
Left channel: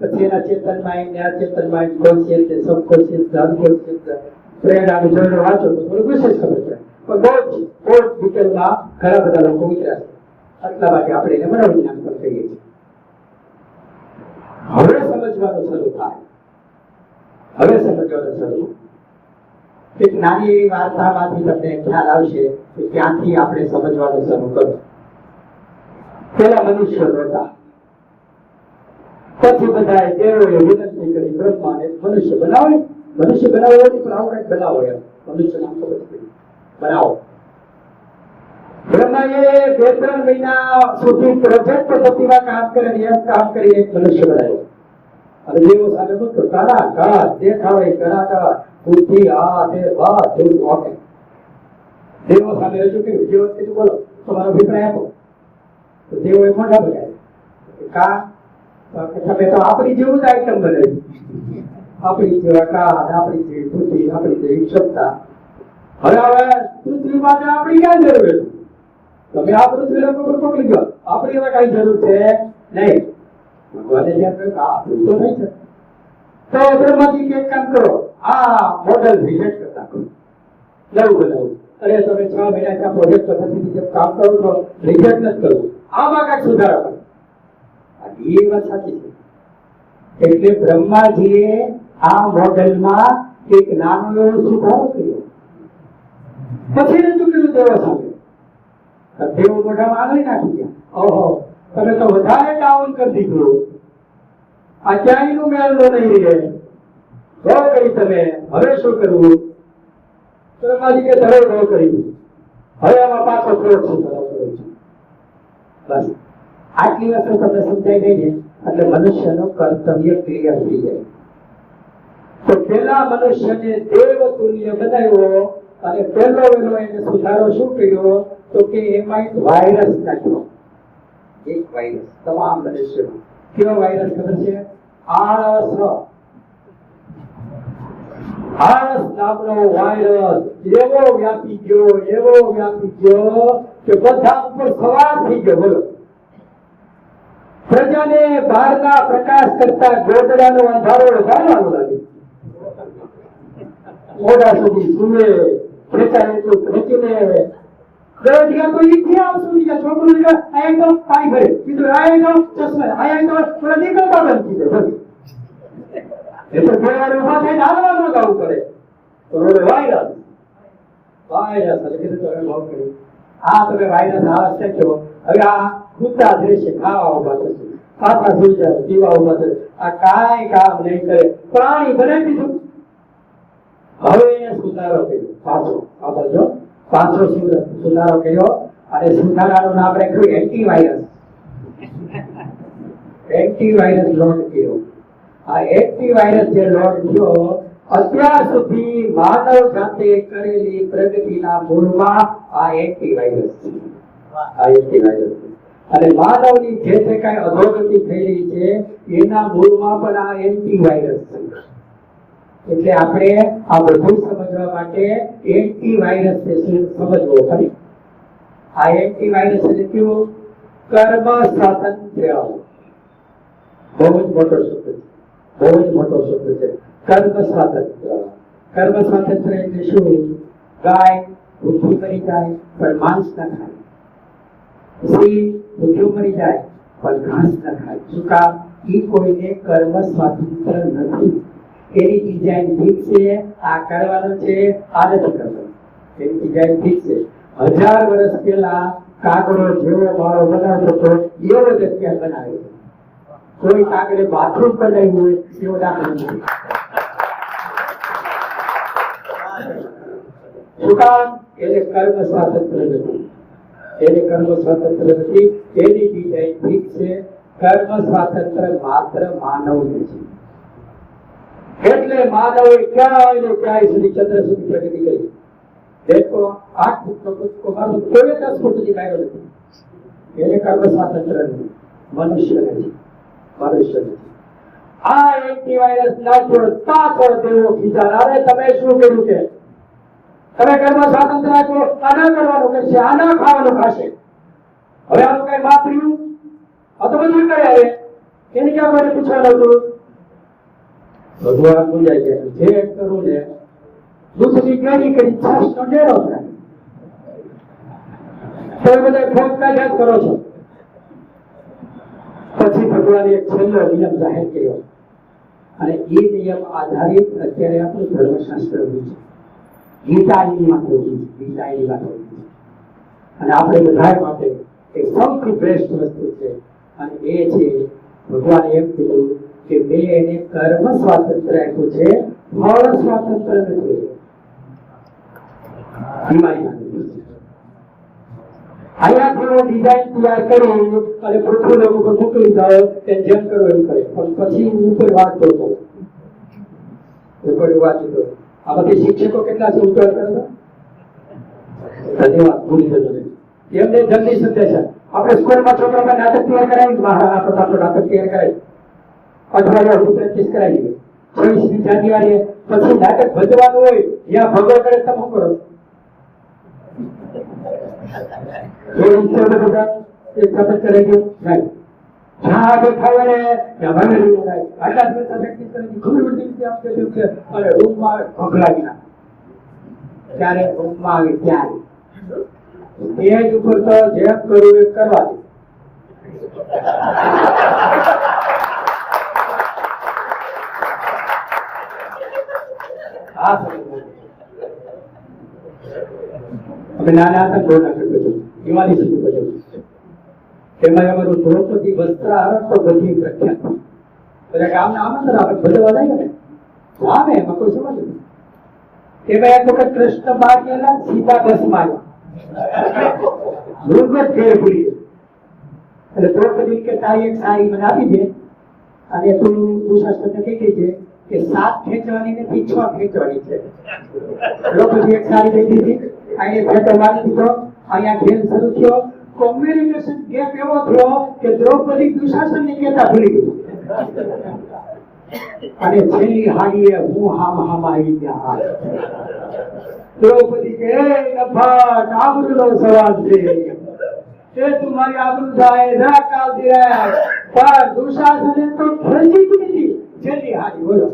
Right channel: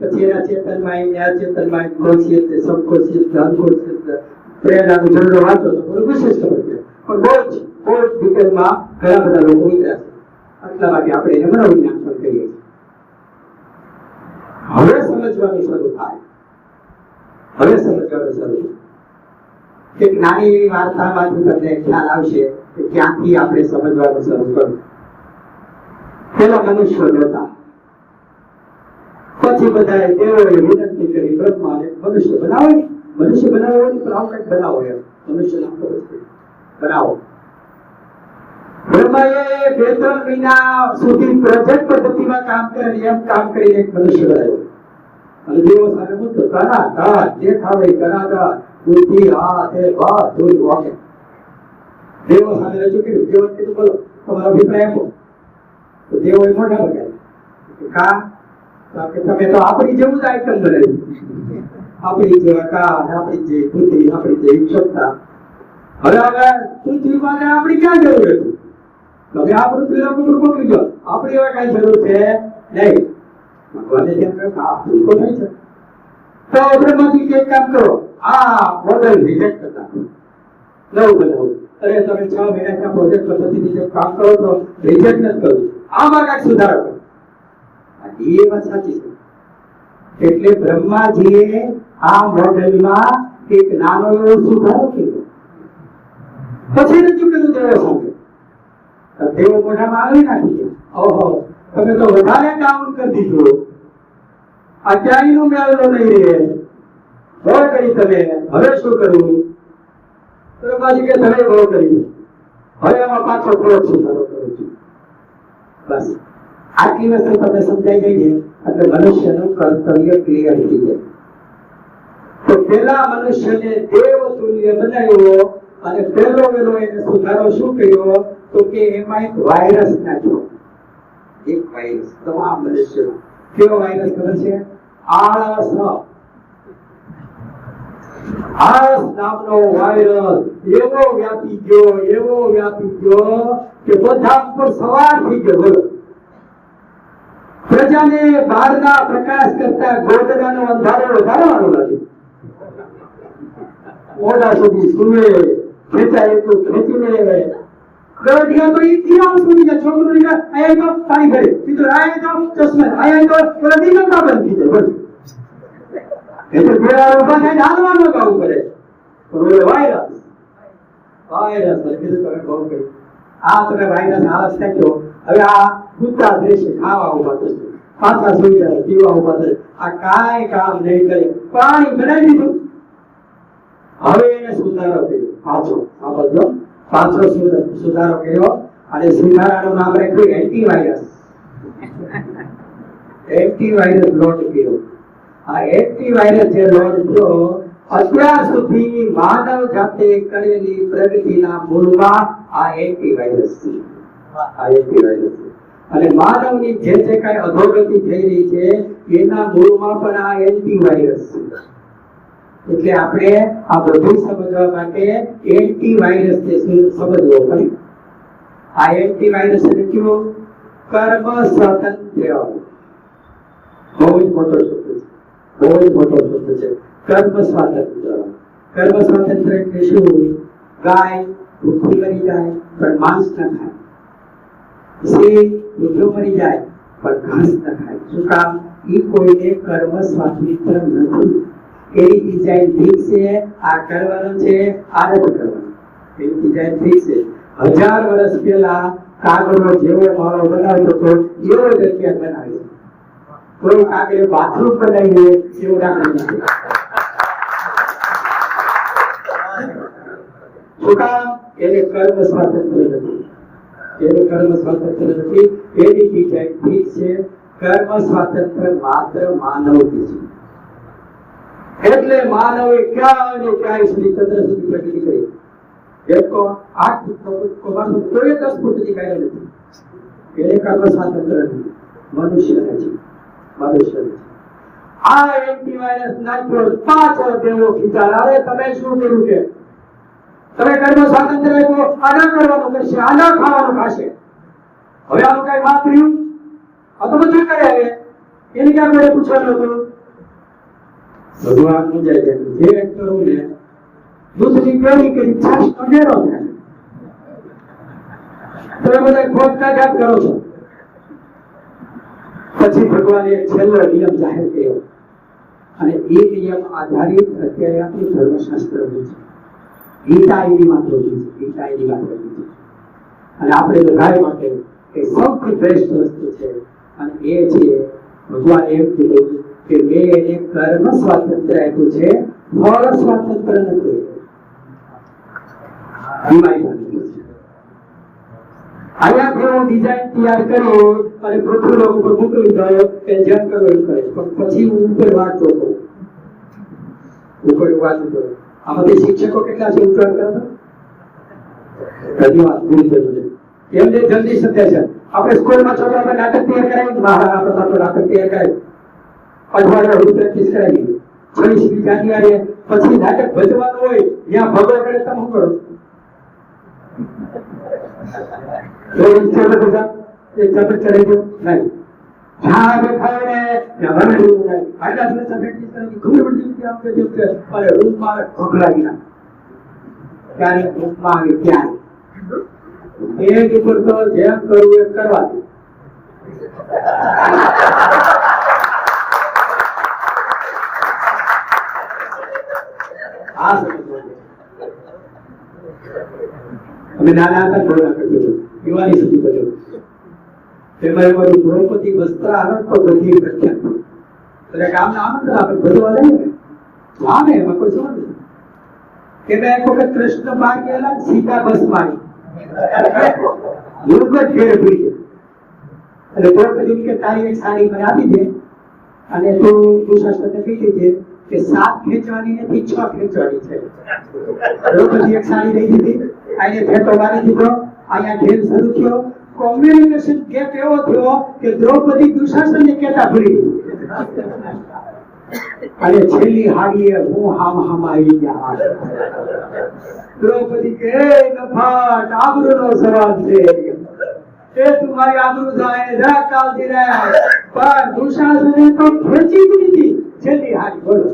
પછી એના ચેતનમાં એમ, અચેતનમાં કોન્શિયસ, સબકોન્શિયસ, અનકોન્શિયસ, પ્રેરણાનું જનરલ વાંચો તો થોડું વિશેષ ખબર પડે. પણ બહુ જ ડિટેલમાં ઘણા બધા લોકો ઉતર્યા છે. એટલા માટે આપણે એને મનોવિજ્ઞાન પણ કહીએ છીએ. હવે સમજવાનું શરૂ થાય, હવે સમજવાનું શરૂ. એક નાની એવી વાર્તામાંથી તમને ખ્યાલ આવશે કે ક્યાંથી આપણે સમજવાનું શરૂ કરવું. પેલા મનુષ્યો નહોતા, પછી બધા દેવોએ વિનંતી કરી બ્રહ્માને મનુષ્ય બનાવો. મનુષ્ય બનાવવાની પણ આવું કંઈક બનાવો, એમ મનુષ્ય નામ ખબર પડી બનાવો. બ્રહ્માએ 2-3 મહિના સુધી પ્રોજેક્ટ પદ્ધતિમાં કામ કરે, એમ કામ કરીને એક મનુષ્ય બનાવ્યો. અને દેવો સામે મૂકતો, કણા દેખાવે, કણા બુદ્ધિ આ તે વાત થોડી વાકે. દેવો સામે રજૂ કર્યું. દેવો કીધું બોલો તમારો અભિપ્રાય આપો. તો દેવોએ મોઢા બગાડ્યા. તમે તો આપણી જેવું જ આઈટમ બનાવી, આપણી જેવા કાન, આપણી જેવી બુદ્ધિ, આપણી જેવી ક્ષમતા. હવે પૃથ્વી માટે આપણી ક્યાં જરૂર હતી? તમે આ પૃથ્વી લોકો પકડી જાઓ, આપણી હવે કઈ જરૂર છે નહીં. ભગવાને ધ્યાન રાખ્યું આ ભૂલ તો નહીં છે. તો બ્રહ્માજી એક કામ કરો, આ મોડેલ રિજેક્ટ કરી નાખો, નવું બનાવો. અરે તમે 6 મહિના ત્યાં પ્રોજેક્ટ પદ્ધતિથી જે કામ કરો તો રિજેક્ટ નથી કરવું, આમાં કાંઈક સુધારો કરો. એ વાત સાચી છે. એટલે બ્રહ્માજીએ આ મોડેલમાં એક નાનો એવો સુધારો કર્યો, પછી રજૂ કર્યું દેવો સામે. દેવો મોઢામાં આવી નાખી ગયા. ઓહો, તમે તો વધારે ડાઉન કરી દીધું, આ ક્યાંયનું મેળ નહીં રહે. બહુ કરી તમે, હવે શું કરવું? બ્રહ્માજી કે ધરે બહુ કરી, હવે આમાં પાછો થોડોક સુધારો કરું છું. બસ આટલી વસ્તુ તમને સમજાઈ ગઈ છે એટલે મનુષ્યનું કર્તવ્ય ક્લિયર થઈ જાય. તો પેલા મનુષ્યને દેવ તુલ્ય બનાવ્યો અને પહેલો વેલો એને સુધારો શું કર્યો તો કે એમાં એક વાયરસ નાખ્યો. એક વાયરસ તમામ મનુષ્યો. કેવો વાયરસ ખબર છે? આળસ. આળસ નામનો વાયરસ એવો વ્યાપી ગયો કે બધા ઉપર સવાર થઈ ગયો. બોલો, પ્રજાને બહારના પ્રકાશ કરતા ગોદડાનો અંધારો વધારવાનો નથી. મોડા સુધી સુવે, ખેંચાય એટલું ખેંચીને દોઢિયા તો ઇતિહાસ સુધી જાય. છોકરું આયા તો પાણી ભરે, બીજું આયા તો ચશ્મા, આયા તો પેલા નીકળતા બંધ થઈ જાય. બસ એટલે પેલા ઉભા થઈને હાલવાનું ગાવું પડે. પણ વાયરસ એટલે કીધું તમે બહુ કર્યું. આ તમે વાયરસ આળસ નાખ્યો. હવે આ કૂતા દેશે, ખાવા ઉભા થશે, પાછા સુઈ જાય, પીવા ઉભા થશે. આ કાંઈ કામ નહીં કરે, પાણી બનાવી દીધું. હવે એને સુધારો કર્યો પાછો. આ બધો પાછો સુધારો કર્યો અને સુધારાનું નામ રાખ્યું એન્ટીવાયરસ. એન્ટીવાયરસ લોન્ચ કર્યો. આ એન્ટીવાયરસ જે લોન્ચ થયો, અત્યાર સુધી માનવ જાતે કરેલી પ્રગતિના મૂળમાં આ એન્ટીવાયરસ છે. આ એન્ટીવાયરસ છે. અને માનવની જે કાંઈ અધોગતિ થઈ રહી છે એના મૂળમાં પણ આ એન્ટીવાયરસ છે. એટલે આપણે આ બધું સમજવા માટે એન્ટીવાયરસ ને સમજવો પડે. આ એન્ટીવાયરસ એટલે કયો? કર્મ સ્વાતંત્ર્ય. બહુ જ મોટો શબ્દ છે, બહુ જ મોટો શબ્દ છે. કર્મ સ્વાતંત્ર્ય. કર્મ સ્વાતંત્ર્ય એટલે શું? ગાય ભૂખી મરી જાય પણ માંસ ન ખાય, સિંહ ભૂખ્યો મરી જાય પણ ઘાસ ન ખાય. શું કામ? એ કોઈને કર્મ સ્વાતંત્ર્ય નથી. એની ડિઝાઇન ફિક્સ છે, આ કરવાનું છે, આ નથી કરવાનું. એની ડિઝાઇન ફિક્સ છે. 1000 વર્ષ પહેલા કાગડો જેવો માળો બનાવતો હતો એવો જ અત્યારે બનાવે છે. કોઈ કાગડે બાથરૂમ બનાવ્યું એવો દાખલો નથી. શું કામ? એને કર્મ સ્વાતંત્ર્ય નથી. એને કર્મ સ્વાતંત્ર્ય નથી. એની ડિઝાઇન ફિક્સ છે. કર્મ સ્વાતંત્ર્ય માત્ર માનવ છે. એટલે માનવે ક્યાંય ને ક્યાંય સુધી ચંદ્ર સુધી પ્રગતિ કરી. દેખો 8 ફૂટનો કૂદકો મારતો કોઈ 10 ફૂટથી કાઢ્યો નથી. એને કર્મ સ્વાતંત્ર્ય નથી. મનુષ્ય નથી. મનુષ્ય નથી. આ એન્ટીવાયરસ નાખ્યો, પાછળ દેવો ખીચાય. અરે તમે શું કર્યું કે તમે કર્મ સ્વાતંત્ર્ય આપ્યો, આ ન કરવાનું કરશે, આ ન ખાવાનું ખાશે. હવે આનું કઈ વાપર્યું? આ તો બધું કરે. એને ક્યાં કોઈ પૂછવાનું હતું? ભગવાન પૂજાય છે જે કરું ને દૂધની કેરી કરી છાશનો ડેરો થાય. તમે બધા ખોટ કાઢ્યા કરો છો. પછી ભગવાને એક છેલ્લો નિયમ જાહેર કર્યો અને એ નિયમ આધારિત અત્યારે આપણું ધર્મશાસ્ત્ર છે. ગીતા એની માત્ર છે. ગીતા એની માત્ર છે અને આપણે બધા માટે એ સૌથી બેસ્ટ વસ્તુ છે. અને એ છે ભગવાન એમ કીધું કે મેં એને કર્મ સ્વાતંત્ર્ય આપ્યું છે, ફળ સ્વાતંત્ર્ય નથી. અહીંયાથી હું ડિઝાઇન તૈયાર કરી અને પૃથ્વી લોક ઉપર મોકલી દઉં કે જેમ કરો એમ કરે. પણ પછી હું ઉપર વાંચતો હતો. ઉપર વાંચતો હતો. આમાંથી શિક્ષકો કેટલા છે ઉત્તર કરે તો? ધન્યવાદ. પૂરી થયું. એમને જલ્દી સમજાય છે. આપણે સ્કૂલમાં છોકરાઓને નાટક તૈયાર કરાવી, મહારાણા પ્રતાપનું નાટક તૈયાર કરાવી, અઠવાડિયા સુધી પ્રેક્ટિસ કરાવી. 26મી જાન્યુઆરીએ પછી નાટક ભજવાનું હોય, જ્યાં ભગો કરે તમે શું કરો? એક ચપટ ચડાવી દો નહીં. જ્યાં આગળ ખાવે ને ત્યાં મને રૂમ થાય. આટલા દિવસ પ્રેક્ટિસ કરવાની ખબર પડતી આમ કે અને રૂમમાં ભોગલાવી નાખે. ત્યારે રૂમમાં આવે ત્યારે એક ઉપર તો જેમ કરવું એ કરવા દે. આ સમજ અમે નાના હતા બહુ નાટક કર્યું. દિવાળી સુધી કર્યું. એમાં અમારું દ્રૌપદી વસ્ત્ર આનંદ તો બધી પ્રખ્યાત. એટલે ગામના આનંદ આપણે ભજવા જઈએ ને આવે એમાં કોઈ સમજ નથી. એમાં એક વખત કૃષ્ણ બહાર ગયેલા, સીતા બસમાં આવી ઘેર ભૂલી એટલે દ્રૌપદી કે તારી એક સાડી મને આપી દે અને તું દુશાસનને કહી દેજે કે 7 ખેંચવાની નથી 6 ખેંચવાની છે. દ્રૌપદી એક સાડી દઈ દીધી. અહીંયા ફેટો મારી દીધો. અહીંયા ખેલ શરૂ થયો. કોમ્યુનિકેશન ગેપ એવો થયો કે દ્રૌપદી દુશાસનને કહેતા ભૂલી ગઈ. અને છેલ્લી હાડીએ હું હામ આવી ગયા. દ્રૌપદી કે નફાટ આબરૂનો સવાલ છે. એ તમારી આબરૂ થાય જરા કાલથી રહે. પણ દુશાસને તો ખેંચી જ દીધી છેલ્લી હાડી. બોલો.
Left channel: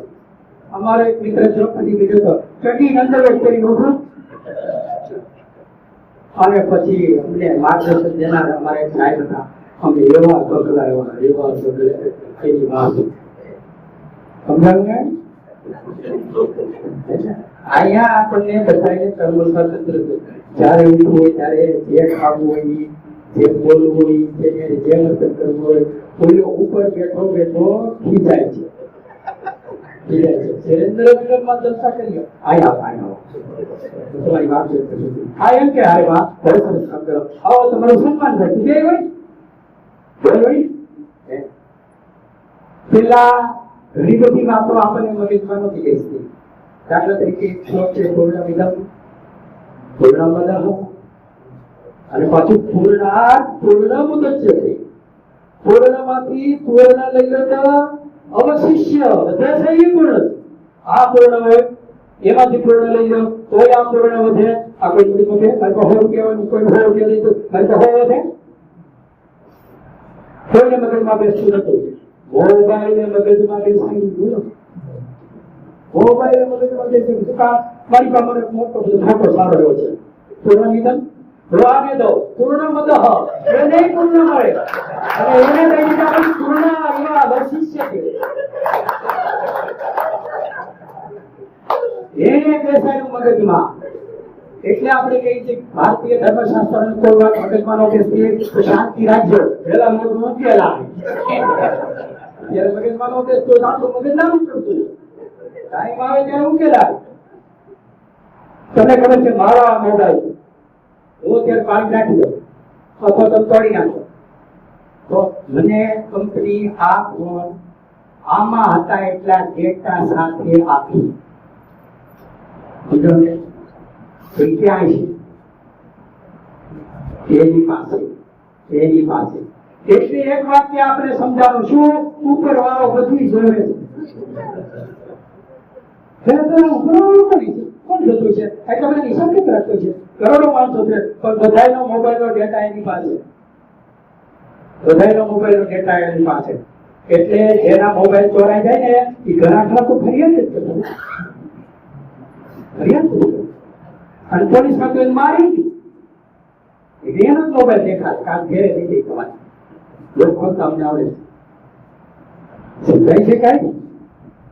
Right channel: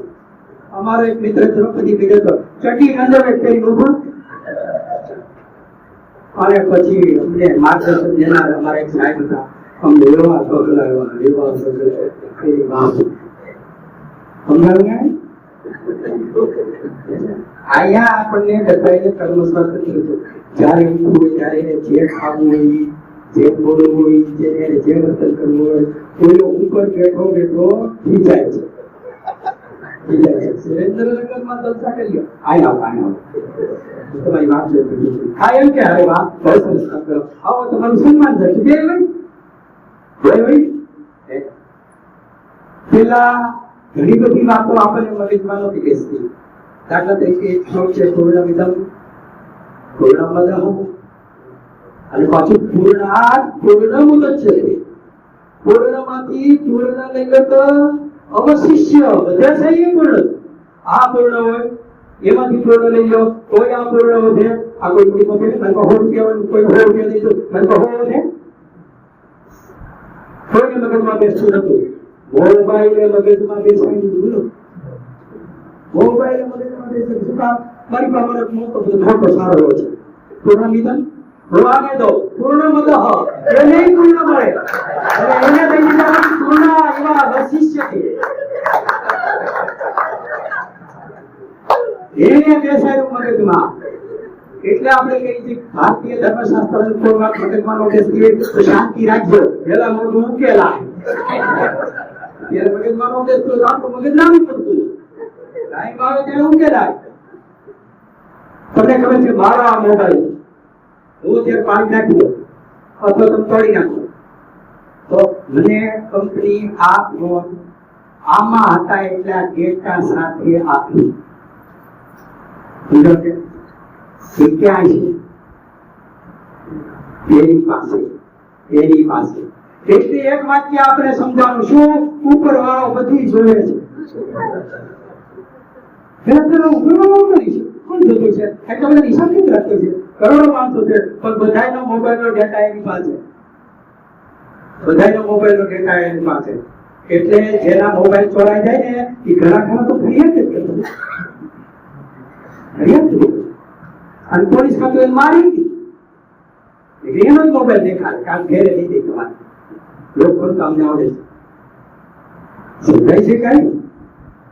અમારો એક મિત્ર દ્રૌપદી બીજો તો ચટી અંડરવેર પહેરી ઉભો અને પછી અમને માર્ગદર્શન દેનાર અમારા એક સાહેબ હતા. અમને એવા પગલાવ્યા એની વાત સમજાવ્યું. અહીંયા આપણને બધાને કર્મ સ્વાતંત્ર્ય છે. જ્યારે ઉઠવું હોય ત્યારે જે ખાવું હોય, જે બોલવું હોય, જે વર્તન કરવું હોય, કોઈનો ઉપર બેઠો બેઠો ખીચાય છે. સુરેન્દ્રનગરમાં જલસા કરીએ. તમારી વાત હા એમ કે હારે વાત બહુ સરસ કામ કરો. આવો તમારું સન્માન થાય છે. પેલા ઘણી બધી વાતો આપણને મગજમાં નથી બેસતી. દાખલા તરીકે એક શ્લોક છે પૂર્ણમિદં પૂર્ણમદઃ અને પાછું પૂર્ણાત પૂર્ણમુદચ્યતે. પૂર્ણમાંથી પૂર્ણ લઈ લો તો અવશિષ્ય વધે છે એ પૂર્ણ. આ પૂર્ણ હોય એમાંથી પૂર્ણ લઈ લો તોય આ પૂર્ણ વધે. આ કોઈ કોઈ વધે મને 100 રૂપિયા હોય કોઈ 100 રૂપિયા દઈ દો મને 100 વધે. કોઈને મગજમાં બેસતું નતું. મોબાઈલ મગજમાં બેસાડી દીધું. મોબાઈલ મગજમાં દેશે શું કામ? મારી પાસે મને મોટો ફોટો સારો રહ્યો છે. પૂર્ણમિદમ રોવાને દો પૂર્ણમદઃ એ નહીં પૂર્ણ મળે અને એને કઈ દીધા પૂર્ણ એવા વશિષ્ય છે એને બેસાડ્યું મગજમાં. એટલે આપણે કહીએ છીએ ભારતીય ધર્મશાસ્ત્ર અનુકૂળમાં મગજમાં બેસીએ તો શાંતિ રાખજો, પેલા મોઢું ઉકેલા ત્યારે મગજમાં બેસતો આપણું મગજ નાનું પડતું ટાઈમ આવે ત્યારે ઉકેલાય. તમને ખબર છે મારો આ મોબાઈલ હું ત્યારે પાણી નાખી દો અથવા તમે તોડી નાખો તો મને કંપની આ ફોન આમાં હતા એટલા ડેટા સાથે આપી ક્યાં છે એની પાસે એટલે એક વાક્ય આપણે સમજાવવું શું ઉપર વાળો બધું જોવે છે કોણ જતું છે એટલે બધા હિસાબ કેમ રાખતો છે? કરોડો માણસો છે પણ બધાનો મોબાઈલનો ડેટા એની પાસે, બધાનો મોબાઈલનો ડેટા એની પાસે. એટલે જેના મોબાઈલ ચોરાઈ જાય ને એ ઘણા ખરા તો ફરિયાદ જ કરતો, અને પોલીસ ખાતું મારી દીધી એનો જ મોબાઈલ દેખાય કામ ઘેરે દીધી તમારે લોકો તમને આવડે છે સમજાય છે કઈ?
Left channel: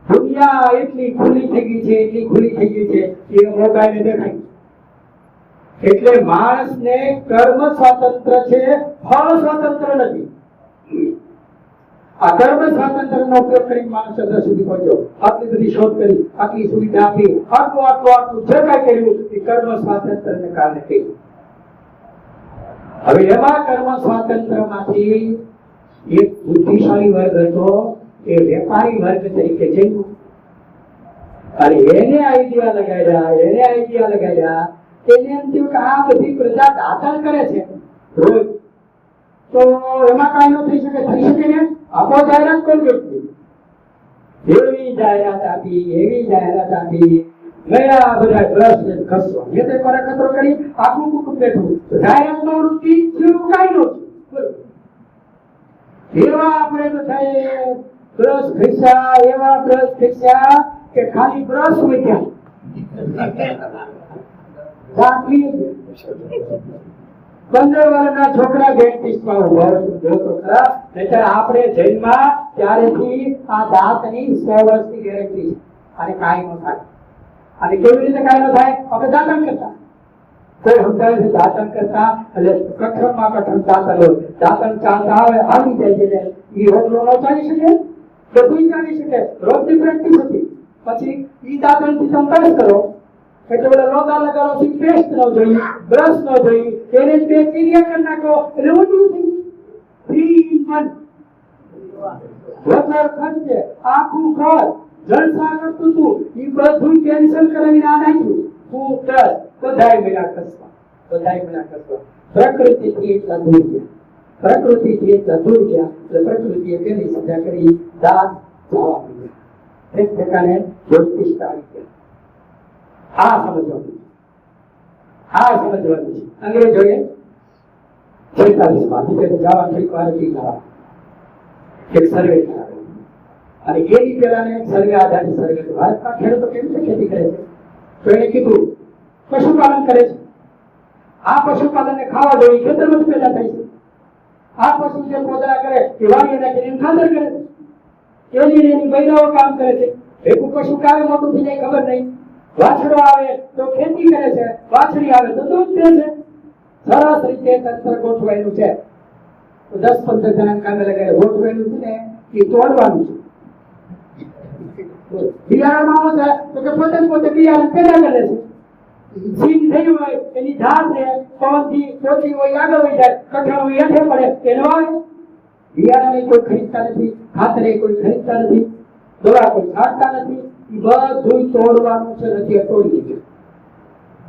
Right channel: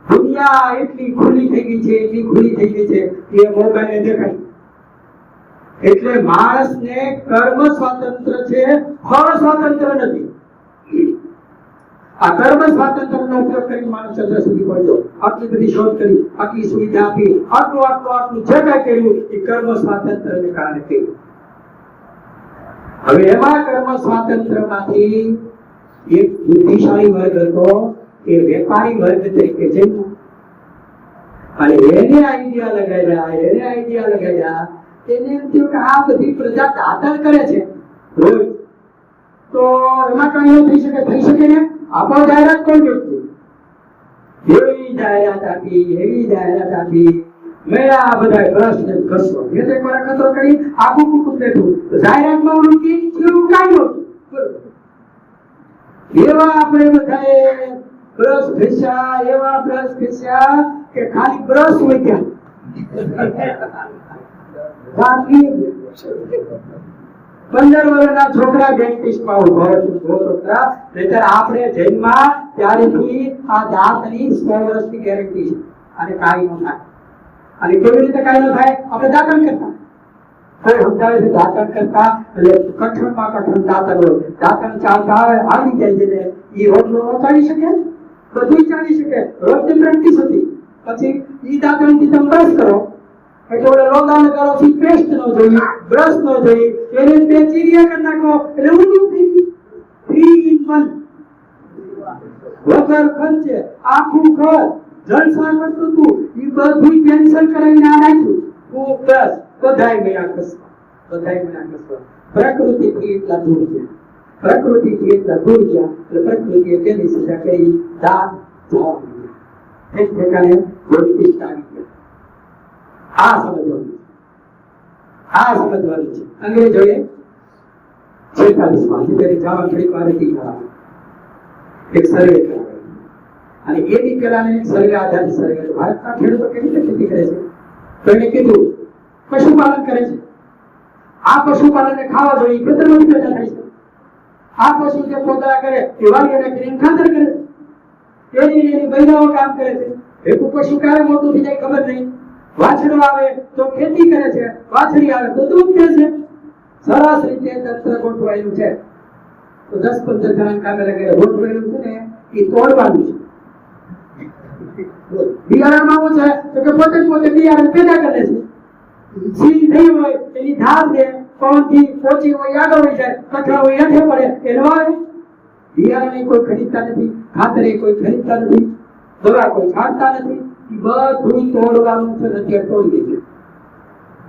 દુનિયા એટલી ખુલ્લી થઈ ગઈ છે, એટલી ખુલ્લી થઈ ગઈ છે એ મોબાઈલ દેખાય. એટલે માણસને કર્મ સ્વાતંત્ર્ય છે, ફળ સ્વાતંત્ર્ય નથી. આ કર્મ સ્વાતંત્ર્યનો ઉપયોગ કરી માણસ ચંદ્ર સુધી પહોંચ્યો, આટલી બધી શોધ કરી, આટલી સુવિધા આપી, આટલું જે કાંઈ કર્યું એ કર્મ સ્વાતંત્ર્યને કારણે કર્યું. હવે એમાં કર્મ સ્વાતંત્ર્યમાંથી એક બુદ્ધિશાળી વર્ગ હતો એ વેપારી વર્ગ તરીકે જન્મ્યો અને એને આઈડિયા લગાડ્યા એને એમ થયું કે આ બધી પ્રજા દાતણ કરે છે રોજ તો એમાં કાંઈ ન થઈ શકે ને આપો જાહેરાત કોણ વ્યક્તિ એવી જાહેરાત આપી મેં આ બધા બ્રશ ને ઘસવા મેં તો એકવાર ખતરો કરી આખું કુટુંબ બેઠું તો જાહેરાતમાં વૃત્તિ થયું કાંઈ નહોતું. એવા આપણે બધાએ બ્રશ ઘસ્યા કે ખાલી બ્રશ વધ્યા 15 વર્ષના છોકરા ડેન્ટિસ્ટમાં ઉભો હતો નહીતર આપણે જન્મમાં ત્યારેથી આ દાંતની 100 વર્ષની ગેરંટી છે અને કાંઈ ન થાય. અને કેવી રીતે કાંઈ ન થાય? આપણે દાંતણ કરતા કોઈ સમજાવે છે દાંતણ કરતા એટલે કઠણ દાંતણ ચાલતા આવે આવી જાય છે એ રોટલો ન ચાલી શકે, બધું ચાલી શકે. રોજની પ્રેક્ટિસ હતી. પછી ઈ દાંતણથી તમે બ્રશ કરો એટલે ઓલા લોગા લગાડો થી પેસ્ટ ન જોઈએ, બ્રશ ન જોઈએ, એને બે ચીરિયા કરી નાખો એટલે ઊંધું થઈ ગયું. 3 in 1 વગર ખર્ચે આખું ઘર જલસા કરતું હતું એ બધું કેન્સલ કરીને આ નાખ્યું. હું બ્રશ બધાય મેળા કસવા પ્રકૃતિથી એટલા દૂર ગયા એટલે પ્રકૃતિએ તેની સજા કરી દાંત જવા મળ્યા. એક ઠેકાને વૃત્તિષ્ઠ આવી ગયા. આ સમજવાનું છે. અંગ્રેજોએ 46 માં જવા ઘડીક વાર એક સર્વે કરાવ્યો અને એની પેલાને એક સર્વે આધારિત સર્વે ભારતના ખેડૂતો કેવી રીતે ખેતી કરે છે તો એને કીધું પશુપાલન કરે છે. આ પશુપાલનને ખાવા જોઈએ ખેતરમાં પેદા થાય છે. આ પશુ જે પોદરા કરે એ વાડીને કરીને ખાતર કરે છે. એની બૈરાઓ કામ કરે છે. ભેગું પશુ ક્યારે મોટું થઈ જાય ખબર નહીં. વાછડો આવે તો ખેતી કરે છે, વાછડી આવે તો દૂધ દે છે. સરસ રીતે તંત્ર ગોઠવાયેલું છે. તો 10-15 જણા કામે લગાડે ગોઠવાયેલું છે ને એ તોડવાનું છે. બિયારણમાં શું છે તો કે પોતે બિયારણ પેદા કરે છે. સીન થઈ હોય એની ધાર છે, પવનથી પોચી હોય આગળ વહી જાય, કઠણ હોય હેઠે પડે એને વાવે. બિયારણ કોઈ ખરીદતા નથી, ખાતર કોઈ ખરીદતા નથી, દવા કોઈ છાંટતા નથી. બધું તોડવાનું છે નથી તોડી દીધું.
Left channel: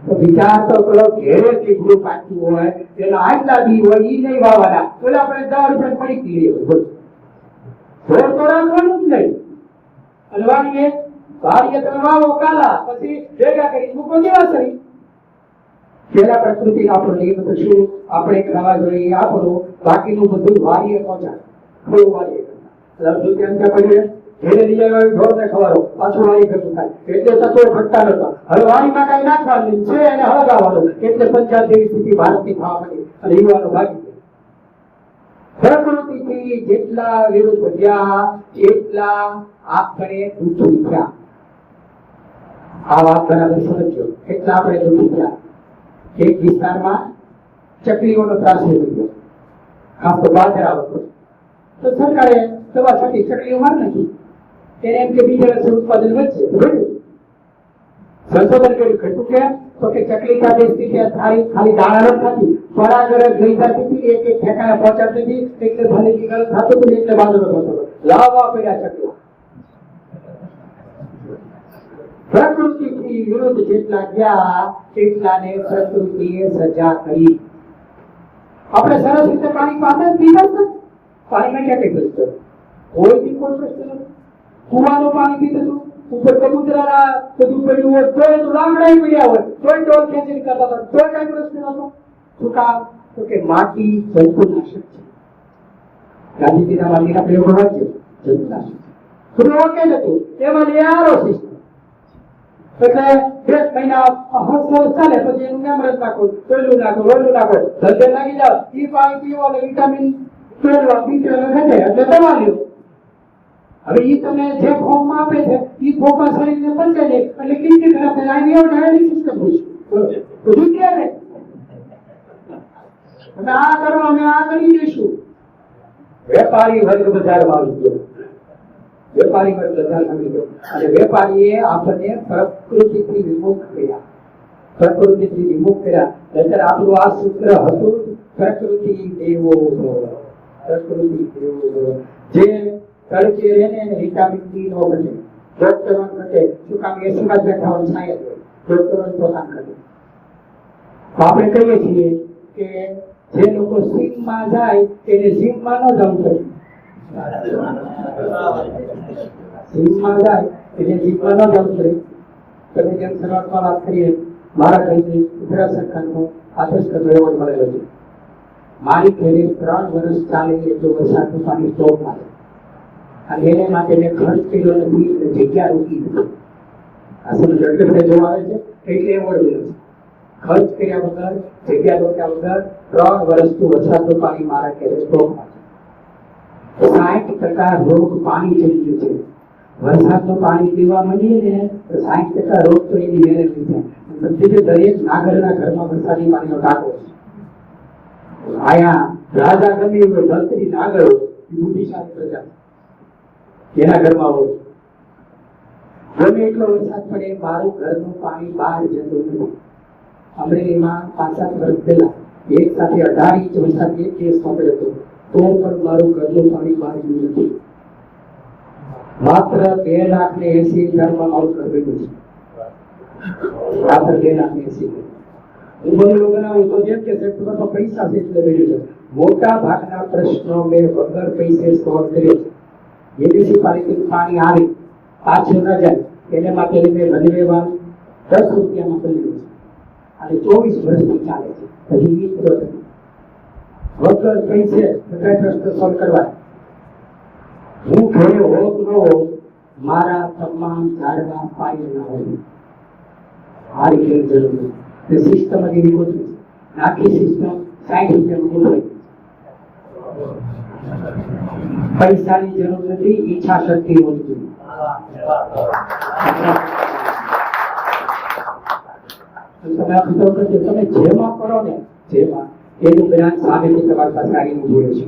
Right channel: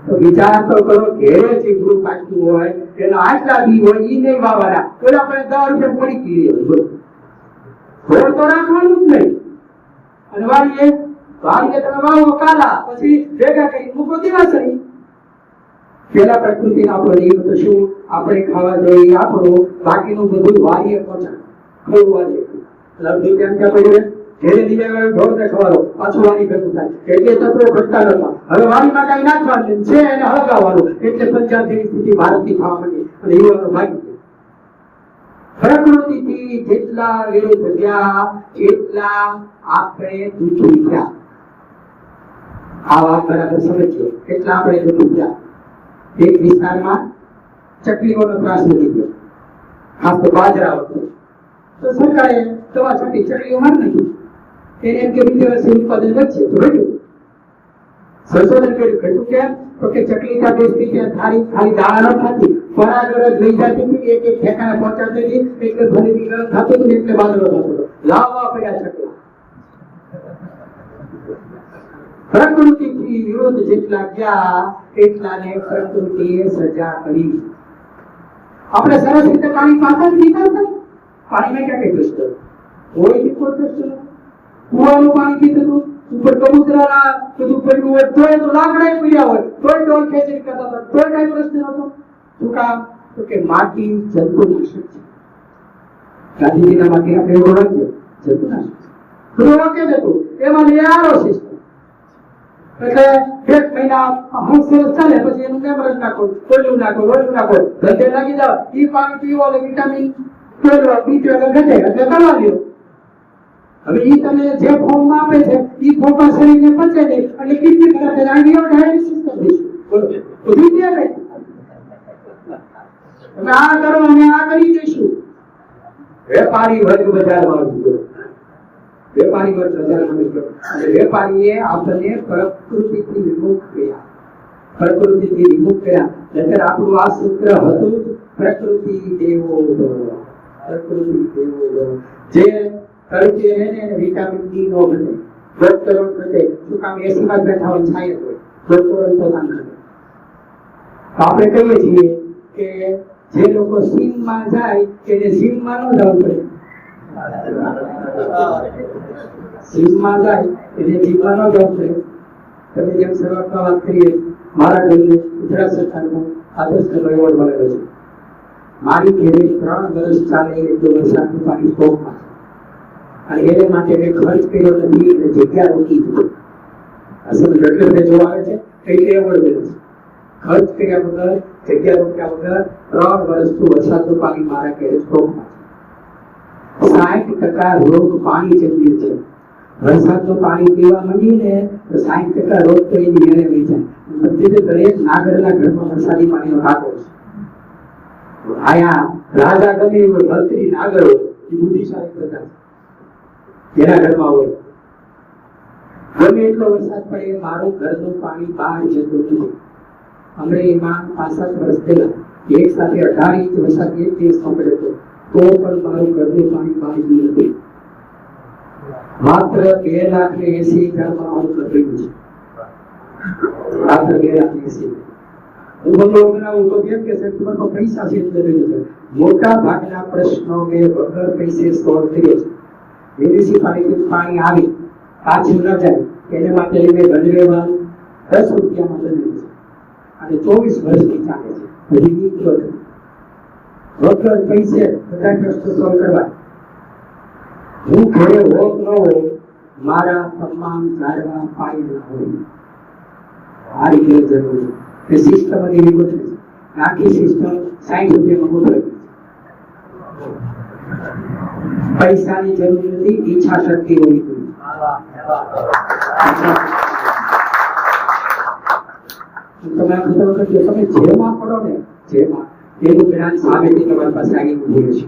તો વિચાર તો કરો ઘેરે ચીકડું પાક્યું હોય એના આટલા બી હોય ઈ નહીં વાવવાના, ઓલા આપણે 10 રૂપિયા પડી ગઈ હોય છોડ તો રાખવાનું જ નહીં. અને વાડીએ તમે વાવો કાલા પછી ભેગા કરી મૂકો દેવાસરી. પેલા પ્રકૃતિ આપણો નિયમ તો શું આપણે ખાવા જોઈએ આપણું, બાકીનું બધું વાડીએ પહોંચાડ ખોલવાડીએ લગભગ કેમ ક્યાં પડ્યું ઘેરે લઈ આવ્યો ઢોરને ખવડાવો, પાછું વાડી ઘટતું થાય એટલે તત્વો ઘટતા નતા. હવે વાડીમાં કઈ નાખવાનું છે એને હળગાવવાનું એટલે પંચાયત જેવી સ્થિતિ ભારતની થવા માંડી અને યુવાનો ભાગી ગયા. પ્રકૃતિથી જેટલા વિરુદ્ધ ગયા એટલા આપણે દુઃખી થયા. આ વાત બરાબર સમજો. એટલા આપણે દુઃખી થયા. એક વિસ્તારમાં ચકલીઓનો ત્રાસ વધી ગયો, ખાસ તો બાજરા હતો. તો સરકારે દવા છાંટી ચકલીઓ મારી નાખી. એને એમ કે બીજા વર્ષે ઉત્પાદન વધશે તો ઘટ્યું. સંશોધન કર્યું, ઘટ્યું કેમ? તો કે ચકલી ત્યાં બેસતી ત્યાં ખાલી દાણા ન ખાતી, પરાગરજ લઈ જતી હતી, એક એક ઠેકાણે પહોંચાડતી હતી, એટલે ભરેલી ગરમ થતું હતું, એટલે બાજરો થતો હતો. લાવવા પડ્યા ચકલા. પ્રકૃતિથી વિરુદ્ધ જેટલા ગયા એટલાને પ્રકૃતિએ સજા કરી. આપણે સરસ રીતે પાણી પાછા જ પીતા હતા. પાણીમાં ક્યાં કઈ પ્રશ્ન કોઈ દીકો પ્રશ્ન નથી. કુવાનું પાણી પીતું હતું, ઉપર કબૂતરા બધું પડ્યું હોય તોય તો લાકડા પડ્યા હોય તોય ડોલ ખેંચી કરતા હતા, તોય કઈ પ્રશ્ન નતો. શું કામ? તો કે માટી જંતુનાશક છે. ગાંધીજીના માટીના પ્રયોગો વાંચ્યો, જંતુનાશક છે. રોકે જ હતું એમાં લઈ આરો સિસ્ટમ. એટલે 1 મહિના સરસ ચાલે, પછી એનું મેમરજ નાખો, કોયલું નાખો, રોયલું નાખો, ધંધે લાગી જાવ. ઈ પાણી પીવો એટલે વિટામિન B12 ઘટે એટલે દવા લ્યો. હવે ઈ તમે જે ફોર્મમાં આપે છે ઈ ફોર્મમાં શરીરને પચે નહીં એટલે કિડની ખરાબ થાય. આની ડાયાલિસિસ સિસ્ટમ થઈશું. બોલો બધું ક્યાં રહે? તમે આ કરો અમે આ કરી દઈશું. વેપારી વર્ગ બજારમાં આવી ગયો. વેપારી વર્ગ બજારમાં આવી ગયો અને વેપારીએ આપણને પ્રકૃતિથી વિમુખ કર્યા. પ્રકૃતિથી વિમુખ કર્યા. એટલે આપણું આ સૂત્ર હતું જ, પ્રકૃતિ દેવો ભવ. પ્રકૃતિ દેવો ભવ. જે તડકે રહે ને એને વિટામિન ડી નો ઘટે, ડોક્ટરો ઘટે. શું કામ? એસી માં બેઠા હોય, છાંય હોય, ડોક્ટરો પોતાને ઘટે. આપણે કહીએ છીએ કે જે લોકો સીમમાં જાય એને સીમમાં ન જવું પડે. સીમમાં જાય એને જીમમાં ન જવું પડે. તમે જેમ શરૂઆતમાં વાત કરીએ, મારા ઘરને ગુજરાત સરકારનો આદર્શ એવોર્ડ મળેલો છે. મારી ઘરે 3 વર્ષ ચાલે એટલું વરસાદનું પાણી સ્ટોકમાં છે અને એને માટે મેં ખર્ચ કર્યો નથી એટલે જગ્યા રોકી દીધી. અસલ એટલે જોવા આવે છે એટલે એવોર્ડ મળ્યો છે. ખર્ચ કર્યા વગર, જગ્યા રોક્યા વગર 3 વર્ષથી વરસાદનું પાણી મારા ઘરે સ્ટોકમાં છે. 60% રોગ પાણી જન્ય છે. વરસાદનું પાણી પીવા માંડીએ ને તો 60% રોગ તો એની મેળે નહીં જાય. દરેક નાગરના ઘરમાં વરસાદી પાણીનો ટાંકો છે. આયા રાજા ગમે હોય, મંત્રી નાગર હોય, એ બુદ્ધિશાળી પ્રજા છે, એના ઘરમાં હોય. ગમે એટલો વરસાદ પડે મારું ઘરનું પાણી બહાર જતું નથી. અમરેલીમાં 65 વર્ષ પહેલા એક સાથે 18 ઇંચ વરસાદ એક દિવસમાં પડ્યો હતો, તો પણ મારું ઘરનું પાણી બહાર ગયું નથી. માત્ર 2,80,000 મારું ઘર બન્યું છે. માત્ર 2,80,000. હું બંગલો બનાવું તો જેમ કે સેપ્ટેમ્બરમાં પૈસા છે એટલે રહ્યું છે. મોટા ભાગના પ્રશ્નો મેં વગર પૈસે સોલ્વ કર્યો છે. મ્યુનિસિપાલિટી પાણી આવે પાછું ન જાય એને માટે મેં રજવેવાનું 10 રૂપિયામાં બન્યું છે અને 24 વર્ષથી ચાલે છે. હજી મિત્રો વગર પૈસે બધા પ્રશ્નો સોલ્વ કરવા. હું ઘરે હોત ન હોત મારા તમામ ઝાડવા પાણીના હોય. આ રીતે જરૂરી તે સિસ્ટમ જ એવી ગોઠવી છે. આખી સિસ્ટમ 60 રૂપિયામાં ગોઠવાઈ. પૈસાની જરૂર નથી, ઈચ્છા શક્તિ હોવી જોઈએ. તમે આ ખબર કરજો, તમે જેમાં પડો ને જેમાં એનું જ્ઞાન સામેથી તમારી પાસે આવી ઉભું રહેશે.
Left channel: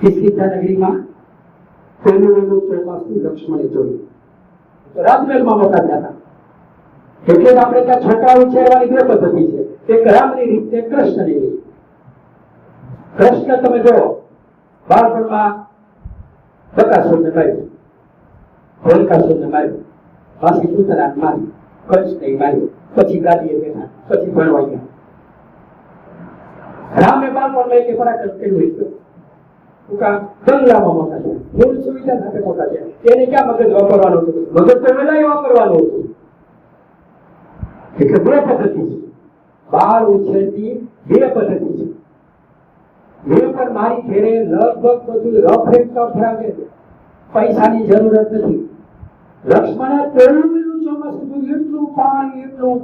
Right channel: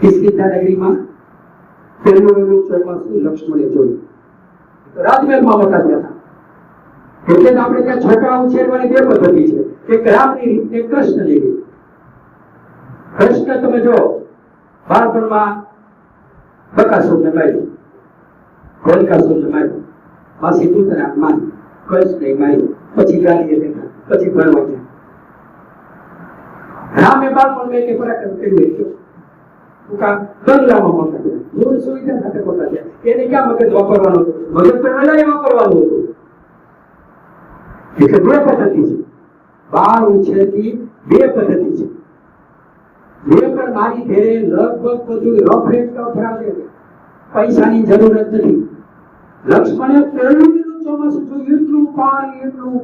કિસ્કિંધા નગરીમાં પહેલું ચોમાસું લક્ષ્મણે જોયું તો રાજમહેલમાં મોટા થયા હતા. એટલે જ આપણે ત્યાં છોકરા ઉછેરવાની 2 પદ્ધતિ છે, એક રામની રીત, એક કૃષ્ણની રીત. કૃષ્ણ તમે જો બાળપણમાં બકાસુરને માર્યું, હોલિકાસુરને માર્યું, માસી પૂતના મારી, કૃષ્ણને માર્યું, પછી ગાદીએ બેઠા, પછી ભણવા ગયા. રામે બાળપણમાં એક પરાક્રમ કર્યું હતું. બંગલામાં મોટા થયા, મૂળ સુવિધા સાથે મોટા થયા. એને ક્યાં મગજ વાપરવાનું હતું? મગજ તો વેલાય વાપરવાનું હતું. એટલે 2 પદ્ધતિ છે. બાળ ઉછેરની 2 પદ્ધતિ છે. મેં પણ મારી ઘરે લગભગ બધું રફ એન્ડ ટફ રાખે છે. પૈસાની જરૂરત નથી. લક્ષ્મણે પહેલું ચોમાસું જોયું, એટલું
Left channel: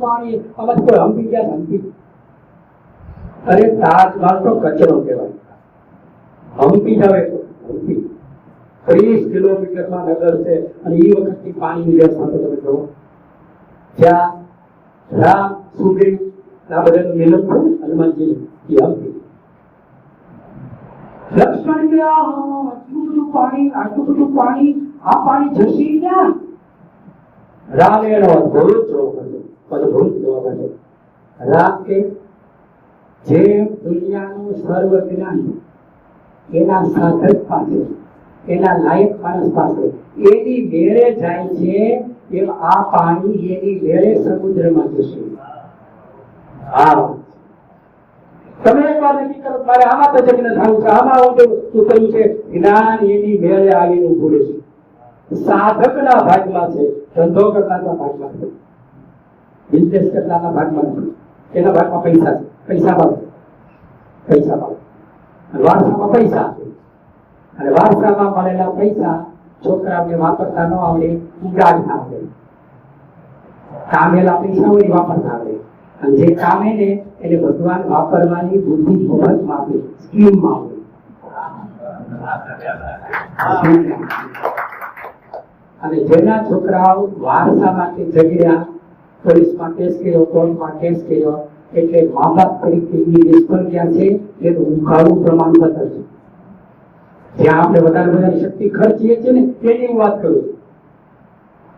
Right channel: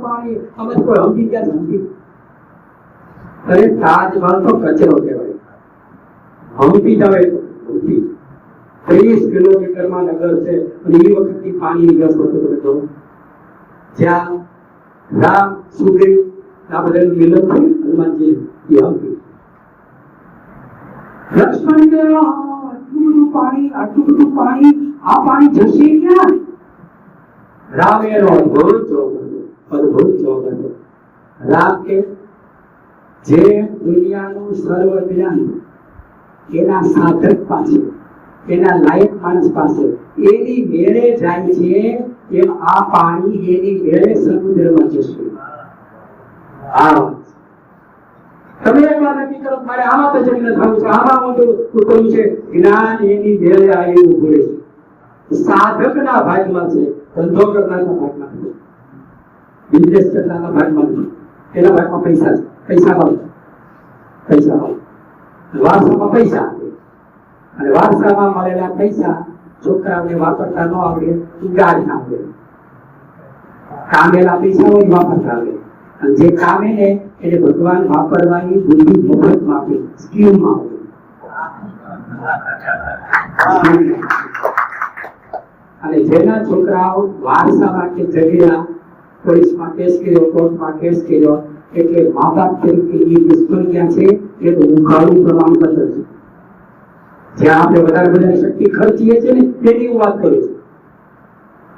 પાણી અમે કોઈ હંપી ગયા હંપી. અરે તાજમહલ તો કચરો કહેવાય. હંપી જવાય તો હંપી 30 કિલોમીટરમાં નગર છે અને એ વખતની પાણીની વ્યવસ્થા તો તમે જુઓ. જ્યાં રામ સુગ્રીવ આ બધાનું મિલન થયું હનુમાનજી એ હંપી. લક્ષ્મણ કે આટલું બધું પાણી આ પાણી જશે ક્યાં? રામ એનો અદ્ભુત જવાબ હતો. રામ કે જે દુનિયાનું સર્વ જ્ઞાન એના સાધક પાસે, એના લાયક માણસ પાસે એની મેળે જાય છે, એમ આ પાણી એની મેળે સમુદ્રમાં જશે. તમે એકવાર નક્કી કરો, મારે આમાં તો જમીન થવું છે, આમાં ઉતરવું છે. જ્ઞાન એની મેળે આવી ઉભું રહેશે. સાધકના ભાગમાં છે, ધંધો કરનારના ભાગમાં છે, બિઝનેસ કરનારના ભાગમાં નથી. એના ભાગમાં પૈસા છે, પૈસા મળે, વારસામાં પૈસા, અને વારસામાં મળેલા પૈસા છોકરાઓને વાપરતા ન આવડે, ઉગાડતા આવડે. કામેલા પૈસા હોય વાપરતા આવડે, અને જે કામે ને એને ભગવાન વાપરવાની બુદ્ધિ મફતમાં આપે, સ્કીમમાં આપે. અને જેના છોકરાઓ વારસા માટે ઝઘડ્યા, પોલીસમાં કેસ કર્યો, કોર્ટમાં કેસ કર્યો, એટલે મા બાપ તરીકે એ નિષ્ફળ ગયા છે. એ તો ઉઘાડું પ્રમાણપત્ર છે. જ્યાં આપણે વધારે શક્તિ ખર્ચીએ છીએ ને તેની હું વાત કરું છું.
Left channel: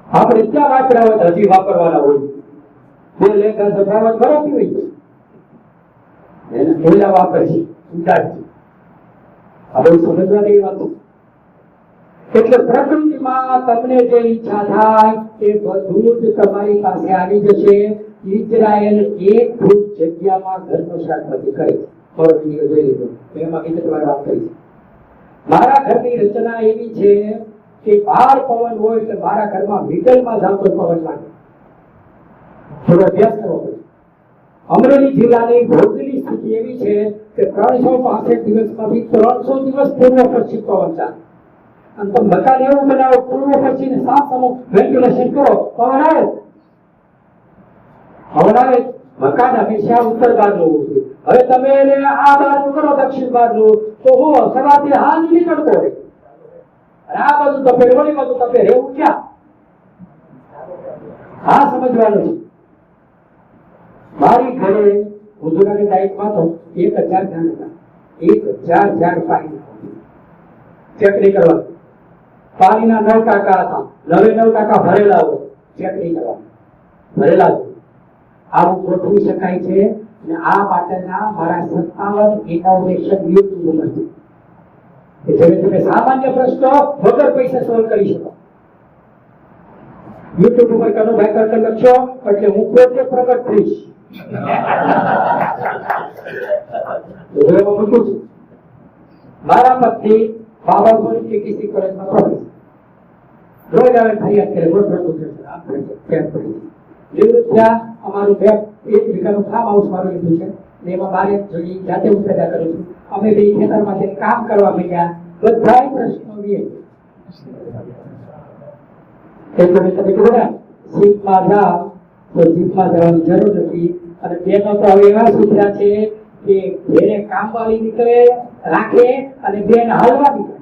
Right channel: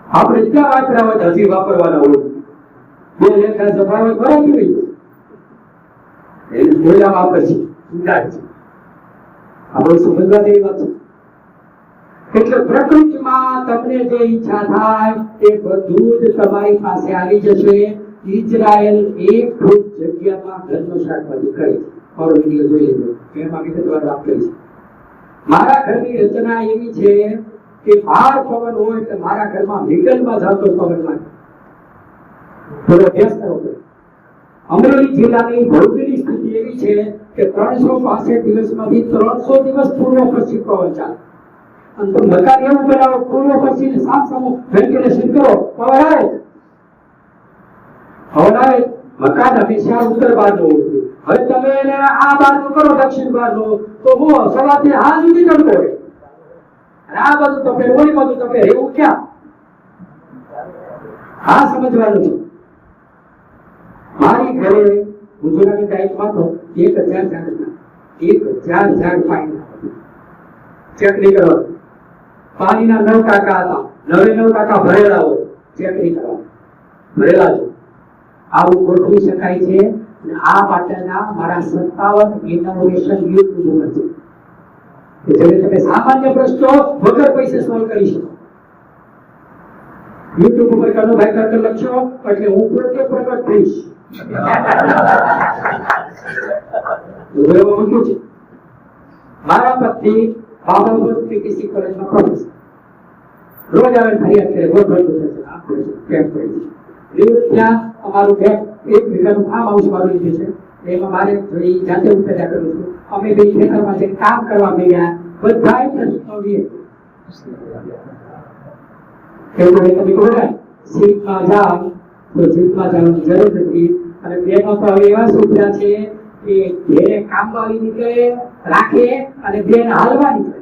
આપણે ત્યાં વાપર્યા હોય હજી વાપરવાના હોય. બે લેખા જમાવટ ભરાતી હોય એને બોલ્યા વાપર છે, ઉડાડ છે. આ બહુ સમજવા જેવી વાત છે. એટલે પ્રકૃતિમાં તમને જે ઈચ્છા થાય એ બધું જ તમારી પાસે આવી જશે. ઇઝરાયલ એક ફૂટ જગ્યામાં ઘરનો શાકભાજી કરે છે. મારો વિડીયો જોઈ લીધો, એમાં વિગતવાર વાત કરી છે. મારા ઘરની રચના એવી છે કે બહાર પવન હોય તો મારા ઘરમાં મિડલમાં જાતો પવન લાગે. થોડો અભ્યાસ કરવો પડે. અમરેલી જિલ્લાની ભૌગોલિક સ્થિતિ એવી છે કે 365 દિવસમાંથી 300 દિવસ પૂર્વ પશ્ચિમ પવન ચાલે. અને તમે મકાન એવું બનાવો, પૂર્વ પશ્ચિમ સામસામું વેન્ટિલેશન કરો, પવન આવે. મકાન હંમેશા ઉત્તર બાજુ હોવું જોઈએ. હવે તમે એને આ બાજુ કરો, દક્ષિણ બાજુ, તો હું સવારથી હાલ સુધી તડકો હોય, અને આ બાજુ તપે, ઓલી બાજુ તપે, એવું ક્યાં? આ સમજવાનું છે. મારી ઘરે ગુજરાતી ટાઈપમાં તો 1000 ઝાડ હતા. 1000 ઝાડ પાણી ચેક નહીં કરવા. પાણીના 9 ટાંકા હતા, 9 ટાંકા ભરેલા હોય, ચેક નહીં કરવા, ભરેલા છે. આવું ગોઠવી શકાય છે. અને આ માટેના મારા 57 ઇનોવેશન યુટ્યુબ ઉપર છે કે જેને તમે સામાન્ય પ્રશ્નો વગર પૈસે સોલ્વ કરી શકો. યુટ્યુબ ઉપર કનુભાઈ કરતા લખશો એટલે હું પોતે પ્રગટ થઈશ. મારા પત્ની બાબાપુર પીટીસી કોલેજમાં પ્રોફેસર, રોજ આવે ફરિયાદ કરે, રોજ ત્યાં અમારું એક વીઘાનું ફાર્મ હાઉસ મારું લીધું છે. એમાં મારે જાતે હું પેદા કરું છું. અમે બે ખેતરમાં જઈને કામ કરવા માંડ્યા. બધાય પ્રશ્નો તમે બોલ્યા જીપમાં જાવ તો જીપમાં જવાની જરૂર નથી. અને બેનો તો હવે એવા સુધરા છે કે ઘેરે કામવાળી નીકળે રાખે અને બેન હાલવા નીકળે.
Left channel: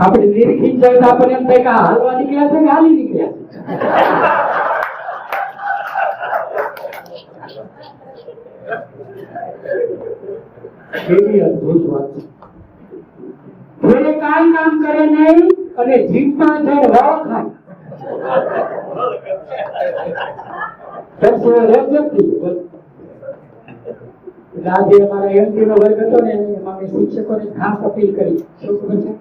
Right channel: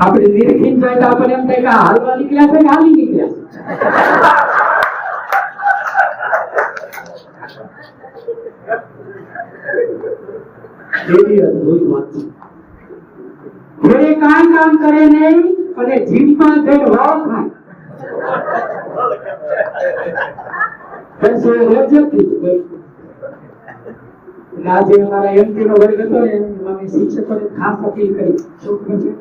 આપણે નિરીક્ષિત જાય તો આપણને એમ થાય કે હાલવા નીકળ્યા છે કે હાલી નીકળ્યા છે. એવી અદભુત વાત છે. ઘરે કાંઈ કામ કરે નહીં અને જીભમાં જઈને વાળ ખાય. આજે અમારા એમપી નો વર્ગ હતો ને એમાં મેં શિક્ષકોને ખાસ અપીલ કરી. શું કહે છે?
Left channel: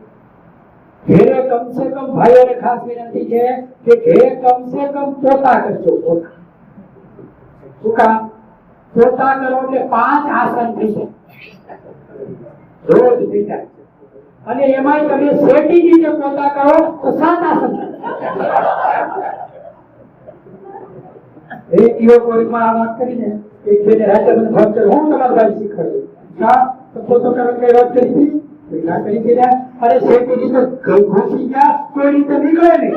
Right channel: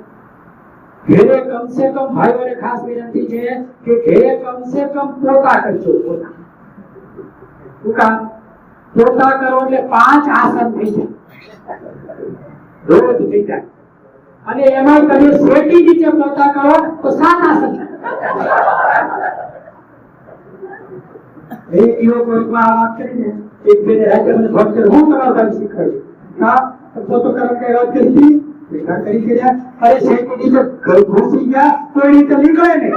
ઘરે કમસે કમ ભાઈઓને ખાસ વિનંતી છે કે ઘરે કમસે કમ પોતા કરજો. પોતા શું કામ? પોતા કરો એટલે 5 આસન થઈ જાય, રોજ થઈ જાય. અને એમાં તમે શેટી નીચે પોતા કરો તો 7 આસન થાય. એક યુવકમાં આ વાત કરીને એક બેને રાતે મને ફોન કર્યો, હું તમારા ભાઈ શીખવાડ્યું. તો પોતો કરવા કઈ વાત કરી બેઠા કરી ગયા અરે શેકી નીચે ઘૂસી ગયા કોઈ રીતે નીકળે નહીં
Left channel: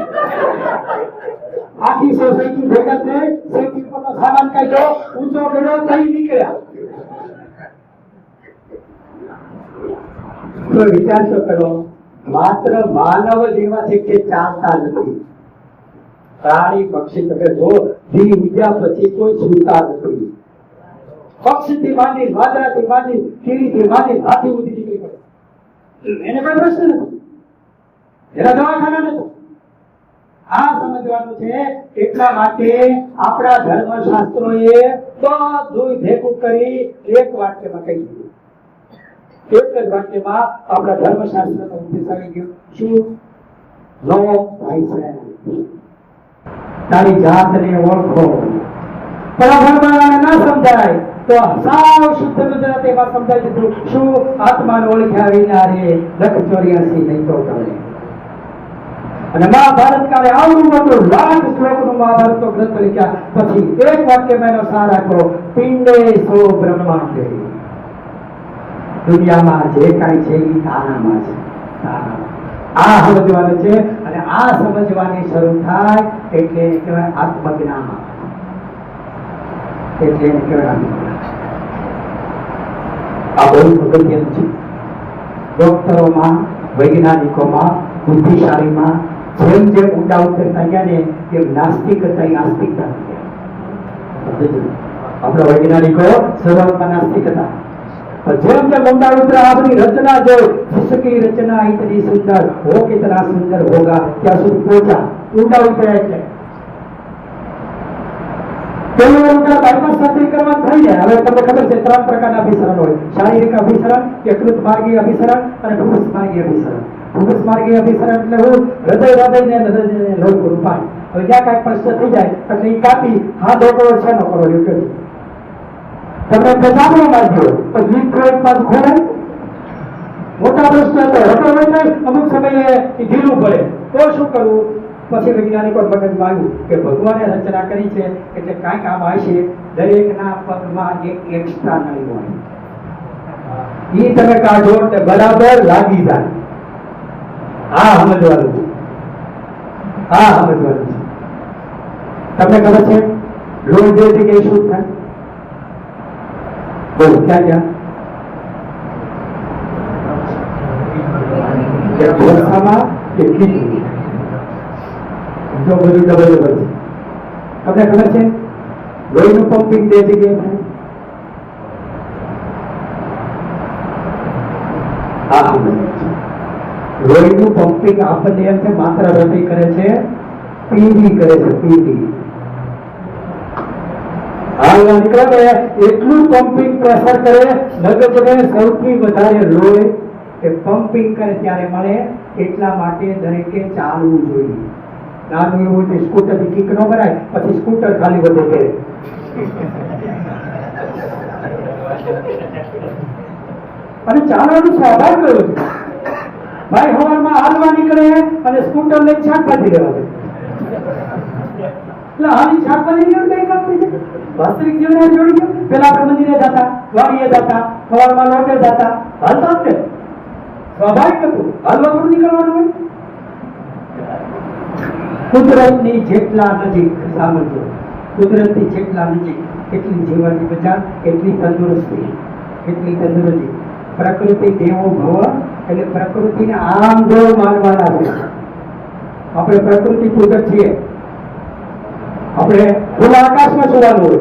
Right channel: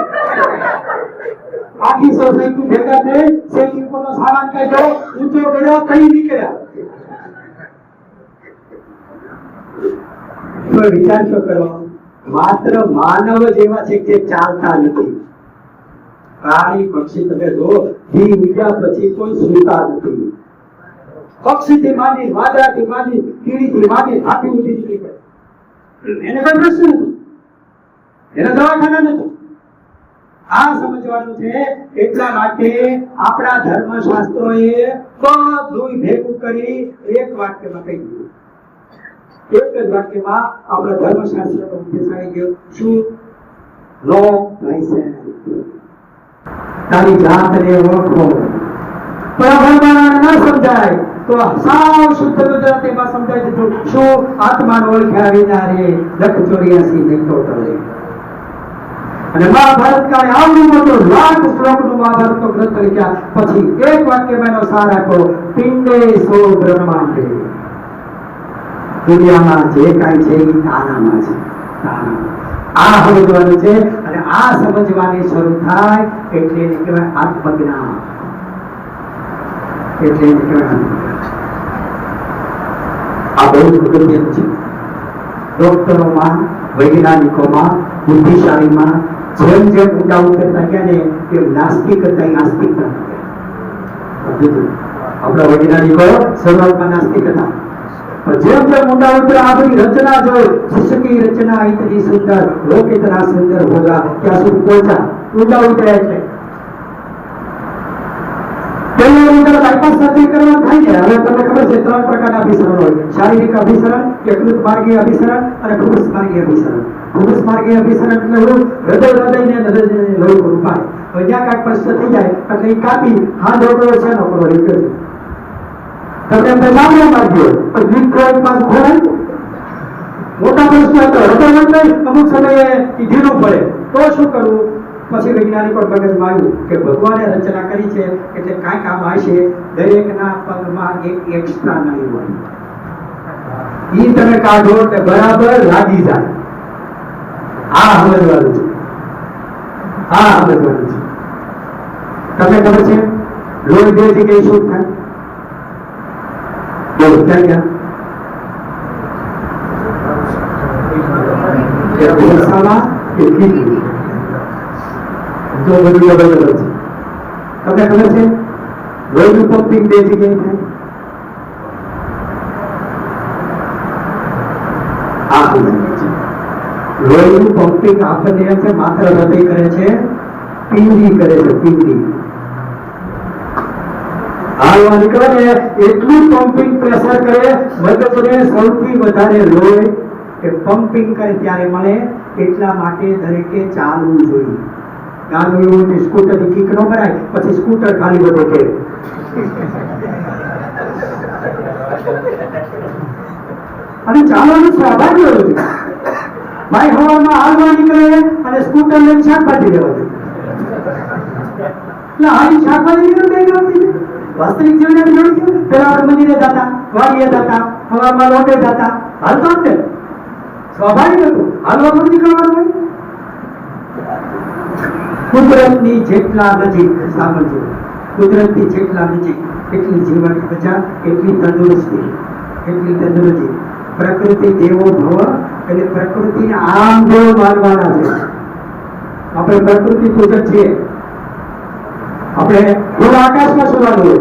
આખી સોસાયટી ભેગા થઈ શેકી ઉપરનો સામાન કાઢ્યો ઊંચો કર્યો કઈ નીકળ્યા તો વિચાર તો કરો માત્ર માનવ જેવા છે કે ચાલતા નથી પ્રાણી પક્ષી તમે જો દી ઉગ્યા પછી કોઈ સુતા નથી પક્ષીથી માંડી વાદળાથી માંડી કીડીથી માંડી હાથી ઉડી નીકળી પડે એને કોઈ પ્રશ્ન નથી એના દવાખાના નથી આ સમજવાનું છે એટલા માટે આપણા ધર્મશાસ્ત્રોએ બધું ભેગું કરી એક વાક્યમાં કહી દીધું એક જ વાક્યમાં આપણા ધર્મશાસ્ત્રનો ઉદ્દેશ આવી ગયો શું નો thyself તારી જાતને ઓળખો પરબ્રહ્મને ન સમજાય તો સાવ શુદ્ધ ગુજરાતીમાં સમજાય દીધું શું આત્માને ઓળખ્યા વિના રે લખ 84 નહીં તો ટળે અને મહાભારત કાળે આવડું મોટું લાખ શ્લોકનું મહાભારતનો ગ્રંથ લખ્યા પછી એક વાક્યમાં એનો સાર આપો પિંડે સો બ્રહ્માંડે દુનિયામાં જે કાંઈ છે એ તારામાં છે આ સમજવાનું છે અને આ સમજવાની શરૂ થાય એટલે એને કહેવાય આત્મજ્ઞાન એટલે એને કહેવાય આ બહુ અગત્યનું છે ડોક્ટરોમાં વૈજ્ઞાનિકોમાં બુદ્ધિશાળીમાં જેમ જેમ ઊંડા ઉતરતા ગયા ને એ નાસ્તિક હતા નાસ્તિક આપણા વૈજ્ઞાનિકો શરૂઆતમાં નાસ્તિક હતા જેમ જેમ ઊંડા ઉતરા આપણી રચના જો जिसकी रचना इतनी सुंदर वो कितना सुंदर होगा क्या सुन पहुंचा ઊંડા ઉતર્યા એટલે પહેલી ઊંડા બાયપાસ સર્જરી કરવાનું થાય ને હવે તમને ખબર છે 3 પ્રકારના અભિસરણ હોય શારીરિક અભિસરણ યકૃત માર્ગીય અભિસરણ અને ફૂફસ માર્ગીય અભિસરણ ફૂફસ માર્ગીય અભિસરણ એટલે હું હૃદયને લોહી પૂરું પાડે હવે જ્યાં કાંઈક પ્રશ્ન થઈ જાય એટલે એ કાપી હા ડોક્ટર છે નો કરો રીપ્યો તમને પેશાબનો માર્ગ્યો પણ જીભ કોઈ પાસ ખોરાય મોટા પ્રશ્ન હતા હૃદય નહીં અમુક સમયે એ ઢીલું પડે તો શું કરવું પછી વૈજ્ઞાનિકો મગજમાં આવ્યું કે ભગવાને રચના કરી છે એટલે કાંઈક આમ હશે દરેકના પગમાં એક એક્સ્ટ્રા નળી હોય ઈ તમે કાઢો એટલે બરાબર લાગી જાય આ સમજવાનું છે આ સમજવાનું છે તમને ખબર છે લોહી બે જગ્યાએ શું થાય બોલો ક્યાં ક્યાં ભેંસામાં કે કીડી જો બધું બરાબર છે તમને ખબર છે લોહીનું પંપિંગ બે જગ્યાએ થાય આ લોહીનું પંપિંગ આપણને છે માત્ર હૃદય કરે છે પીંડી કરે છે પીંડી આ નીકળે ને એટલું પંપિંગ પ્રેશર કરે મગજને સૌથી વધારે લોહી એ પંપિંગ કરે ત્યારે મળે એટલા માટે દરેકે ચાલવું જોઈએ નાનું એવું હોય સ્કૂટર થી કિક નો કરાય પછી સ્કૂટર ખાલી વધે છે અને ચાલવાનું સ્વાભાવિક હોય છે ભાઈ હવામાં હાલવા નીકળે અને સ્કૂટર લઈને શાકભાજી લેવા દે એટલે હાલી શાકભાજી નીકળે બે ગમતી છે વાસ્તવિક જીવન જોડી છે પેલા આપણે મંદિરે જતા વાડીએ જતા હવામાં લોટે જતા હાલતા જ સ્વાભાવિક હતું હાલવા પણ નીકળવાનું હોય કુદરતની જેટલા નજીક સાંભળજો કુદરતની જેટલા નજીક એટલી જીવન મજા એટલી તંદુરસ્તી પ્રકૃતિ દેવો ભવ એટલે પ્રકૃતિને આમ દેવ માનવાના છે આપણે પ્રકૃતિ પૂજક છીએ આપણે ખુલ્લા આકાશમાં સુવાનું હોય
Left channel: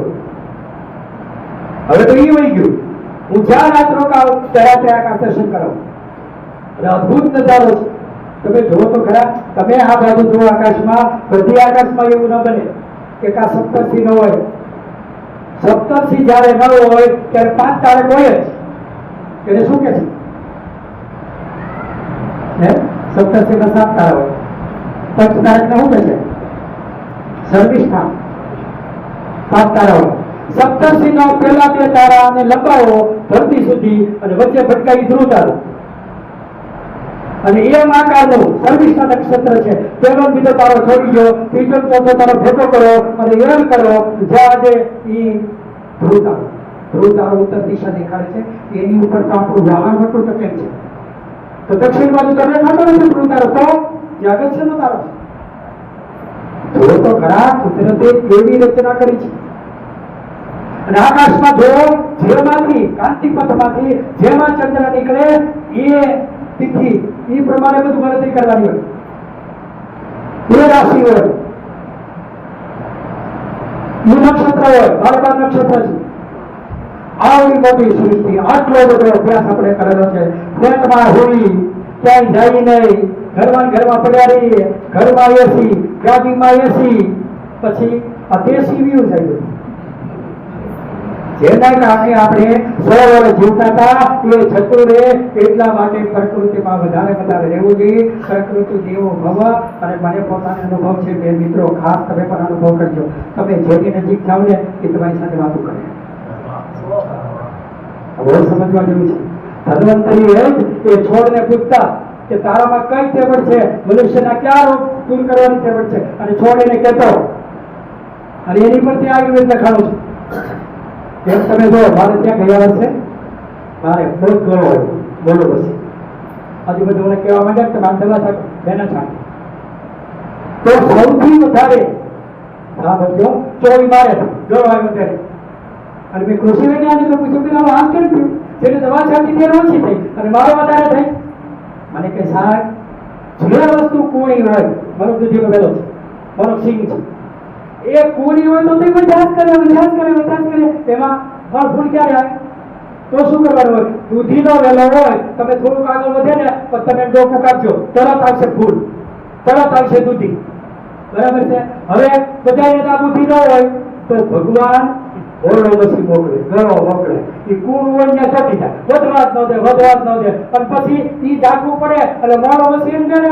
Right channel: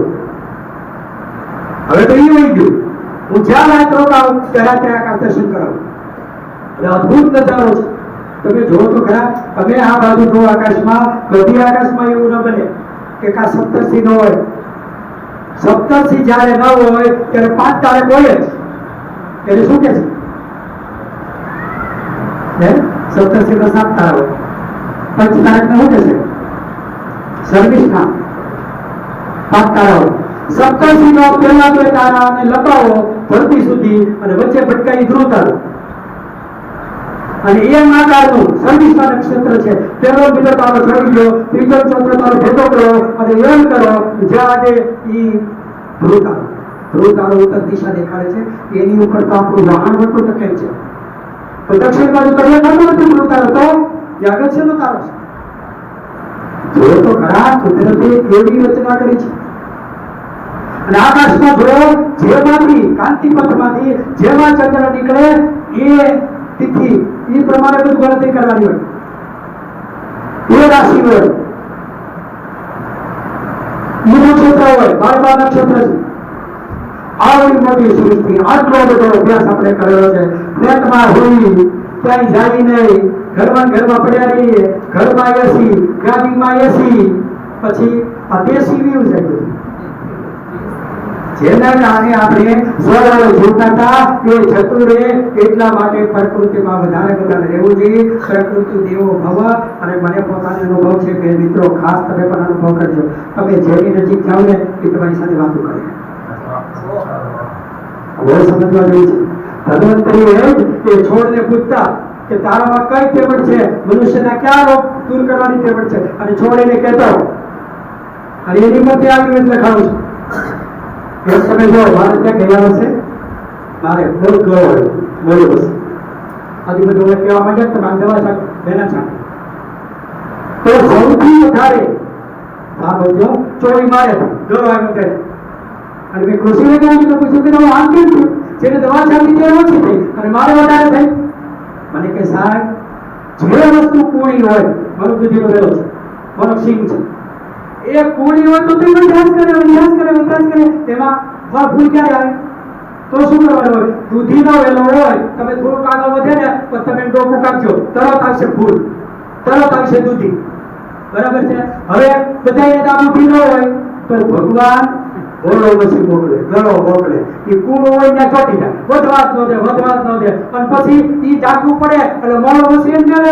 હવે તો એ વહી ગયું હું જ્યાં રાત રોકાઉં ત્યાં રાત્રે આકાશ દર્શન કરાવું અદભુત નજારો છે તમે જુઓ તો ખરા તમે આ બાજુ જુઓ આકાશમાં બધી આકાશમાં એવું ન બને કે કા સપ્તર્ષિ ન હોય સપ્તર્ષિ જ્યારે ન હોય ત્યારે 5 તારક હોય જ એટલે શું કે છે હે સપ્તર્ષિ માં 7 તારા હોય 5 તારક ના હોય છે સર્વિસના 5 તારા હોય સપ્તર્ષિ નો પહેલા 2 તારા અને લંબાવો ધરતી સુધી અને વચ્ચે ભટકાવી ધ્રુવ તારો અને એમ આકારનું સર્વિસના નક્ષત્ર છે પહેલો બીજો તારો છોડી દો ત્રીજો ચોથો તારો ભેગો કરો અને એમ કરો જ્યાં ઈ ધ્રુવ તારો ધ્રુવ તારો ઉત્તર દિશા દેખાડે છે, એની ઉપર તો આપણું વાહન મોટું ટકે છે. તો દક્ષિણ બાજુ તો દેખાતો નથી ધ્રુવ તારો, તો એ અગત્યનો તારો છે. ધ્રુવ તો ખરા કુદરતે કેવી રચના કરી છે. અને આકાશમાં જો જેમાંથી કાંતિપથમાંથી જેમાં ચંદ્ર નીકળે એ તિથિ એ પ્રમાણે બધું ગણતરી કરવાની હોય, એ રાશિ હોય, એ નક્ષત્ર હોય, 12 નક્ષત્ર છે. આવડી મોટી સૃષ્ટિ, આટલો બધો અભ્યાસ આપણે કરેલો છે. ફ્લેટમાં હોઈ ક્યાંય જાય નહીં, ઘરમાં પડ્યા રહીએ, ઘરમાં એસી, ગાડીમાં એસી, પછી આ દેશી વ્યૂ જાય બધું. જેના કારણે આપણે 100 વર્ષ જીવતા હતા એ જતું રહે, એટલા માટે પ્રકૃતિમાં વધારે રહેવું જોઈએ. પ્રકૃતિ દેવો ભવ. અને મને પોતાનો અનુભવ છે કે મિત્રો ખાસ તમે પણ અનુભવ કરજો. તમે જેની નજીક જાઓ ને એ તમારી સાથે વાતો કરે. હવે સમજવા જેવું છે. ધન્વંતરી એ છોડને પૂછતા કે તારામાં કઈ ટેબલ છે, મનુષ્યના કયા રોગ દૂર કરવાની ટેબલ છે, અને છોડ એને કહેતો, અને એની પરથી આવી રીતે લખાણું છે. તમે જો મારે ત્યાં ગયા હશે, મારે બહુ ગૌરવ હોય બોલું બસ હજુ બધું કહેવા માંગે તમારે દવા છાંટો, બેના છાંટો, તો સૌથી વધારે હા બોલજો ચોરી મારે ગૌરવ આવે ત્યારે. અને મેં કૃષિને કહ્યું તો પૂછ્યું કે આમ કેમ થયું, જેને દવા છાંટી તે ઓછી થઈ અને મારે વધારે થઈ. મને કે સાહેબ જે વસ્તુ કુણી હોય, મારું દૂધી બધેલો છે, મારો સિંગ છે, એ કુણી હોય તો તમે અભ્યાસ કરે, એમાં ફળ ફૂલ ક્યારે આવે? તો શું કરવાનું હોય? દૂધીનો વેલો હોય, તમે થોડુંક આગળ વધે ને પછી તમે ડોકું કાપજો, તરત આવશે ફૂલ, તરત આવશે દૂધી. બરાબર છે. હવે બધાને આ બુદ્ધિ ન હોય તો ભગવાન બોલો પછી મોકલે, ઘરો મોકલે. એ કુણું હોય ત્યાં ચોટી જાય, વધવા જ ન દે. અને પછી ઈ જાગવું પડે એટલે મોડો પછી એમ કરે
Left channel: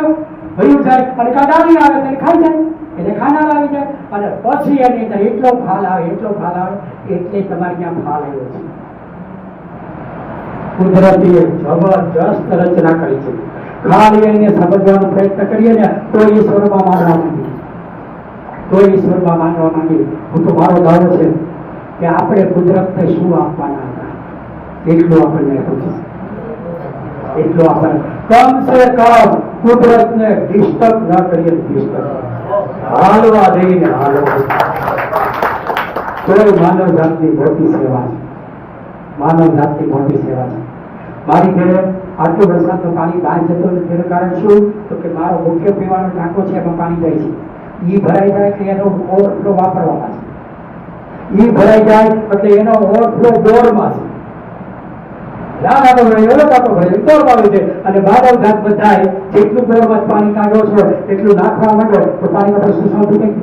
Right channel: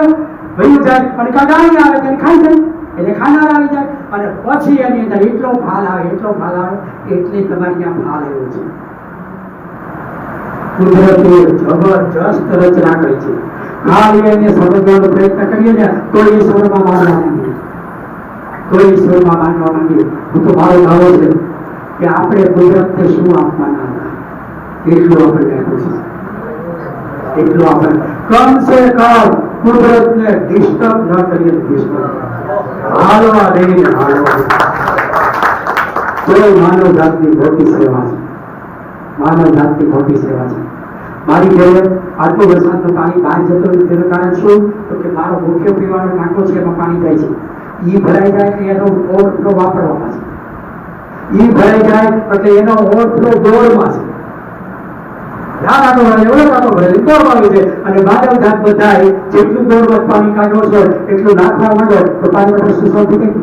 ભયું જાય અને કાંડાળી આવે તેને ખાઈ જાય, એટલે ખાનાર આવી જાય. અને પછી એની અંદર એટલો ફાલ આવે એટલે તમારી ત્યાં ફાલ આવ્યો છે. કુદરતે જબરજસ્ત રચના કરી છે. ખાલી એને સમજવાનો પ્રયત્ન કરીએ ને તો ઈશ્વરમાં માનવા માંગીએ. હું તો મારો દાવો છે કે આપણે કુદરતને શું આપવાના હતા એટલું આપણે આપ્યું છે. એટલું આપણે કમ સે કમ કુદરતને ડિસ્ટર્બ ન કરીએ. હાલવા દઈને કોઈ માનવ જાતની મોટી સેવા છે. મારી ઘરે આટલું વરસાદનું પાણી બહાર જતો નથી. તેનું કારણ શું? તો કે મારો મુખ્ય પીવાનો ટાંકો છે, એમાં પાણી જાય છે. ઈ ભરાઈ જાય એટલે એનો ઓવરફ્લો વાપરવામાં છે. ઈ ભરાઈ જાય એટલે એનો ઓવરફ્લો દોડમાં છે. અને બાદલ ઘાટ બધાય જેટલું દોડમાં પાણી કાઢવો છે એટલું નાખવા માંડો તો પાણીનો પ્રશ્ન સોલ્વ થઈ ગયો.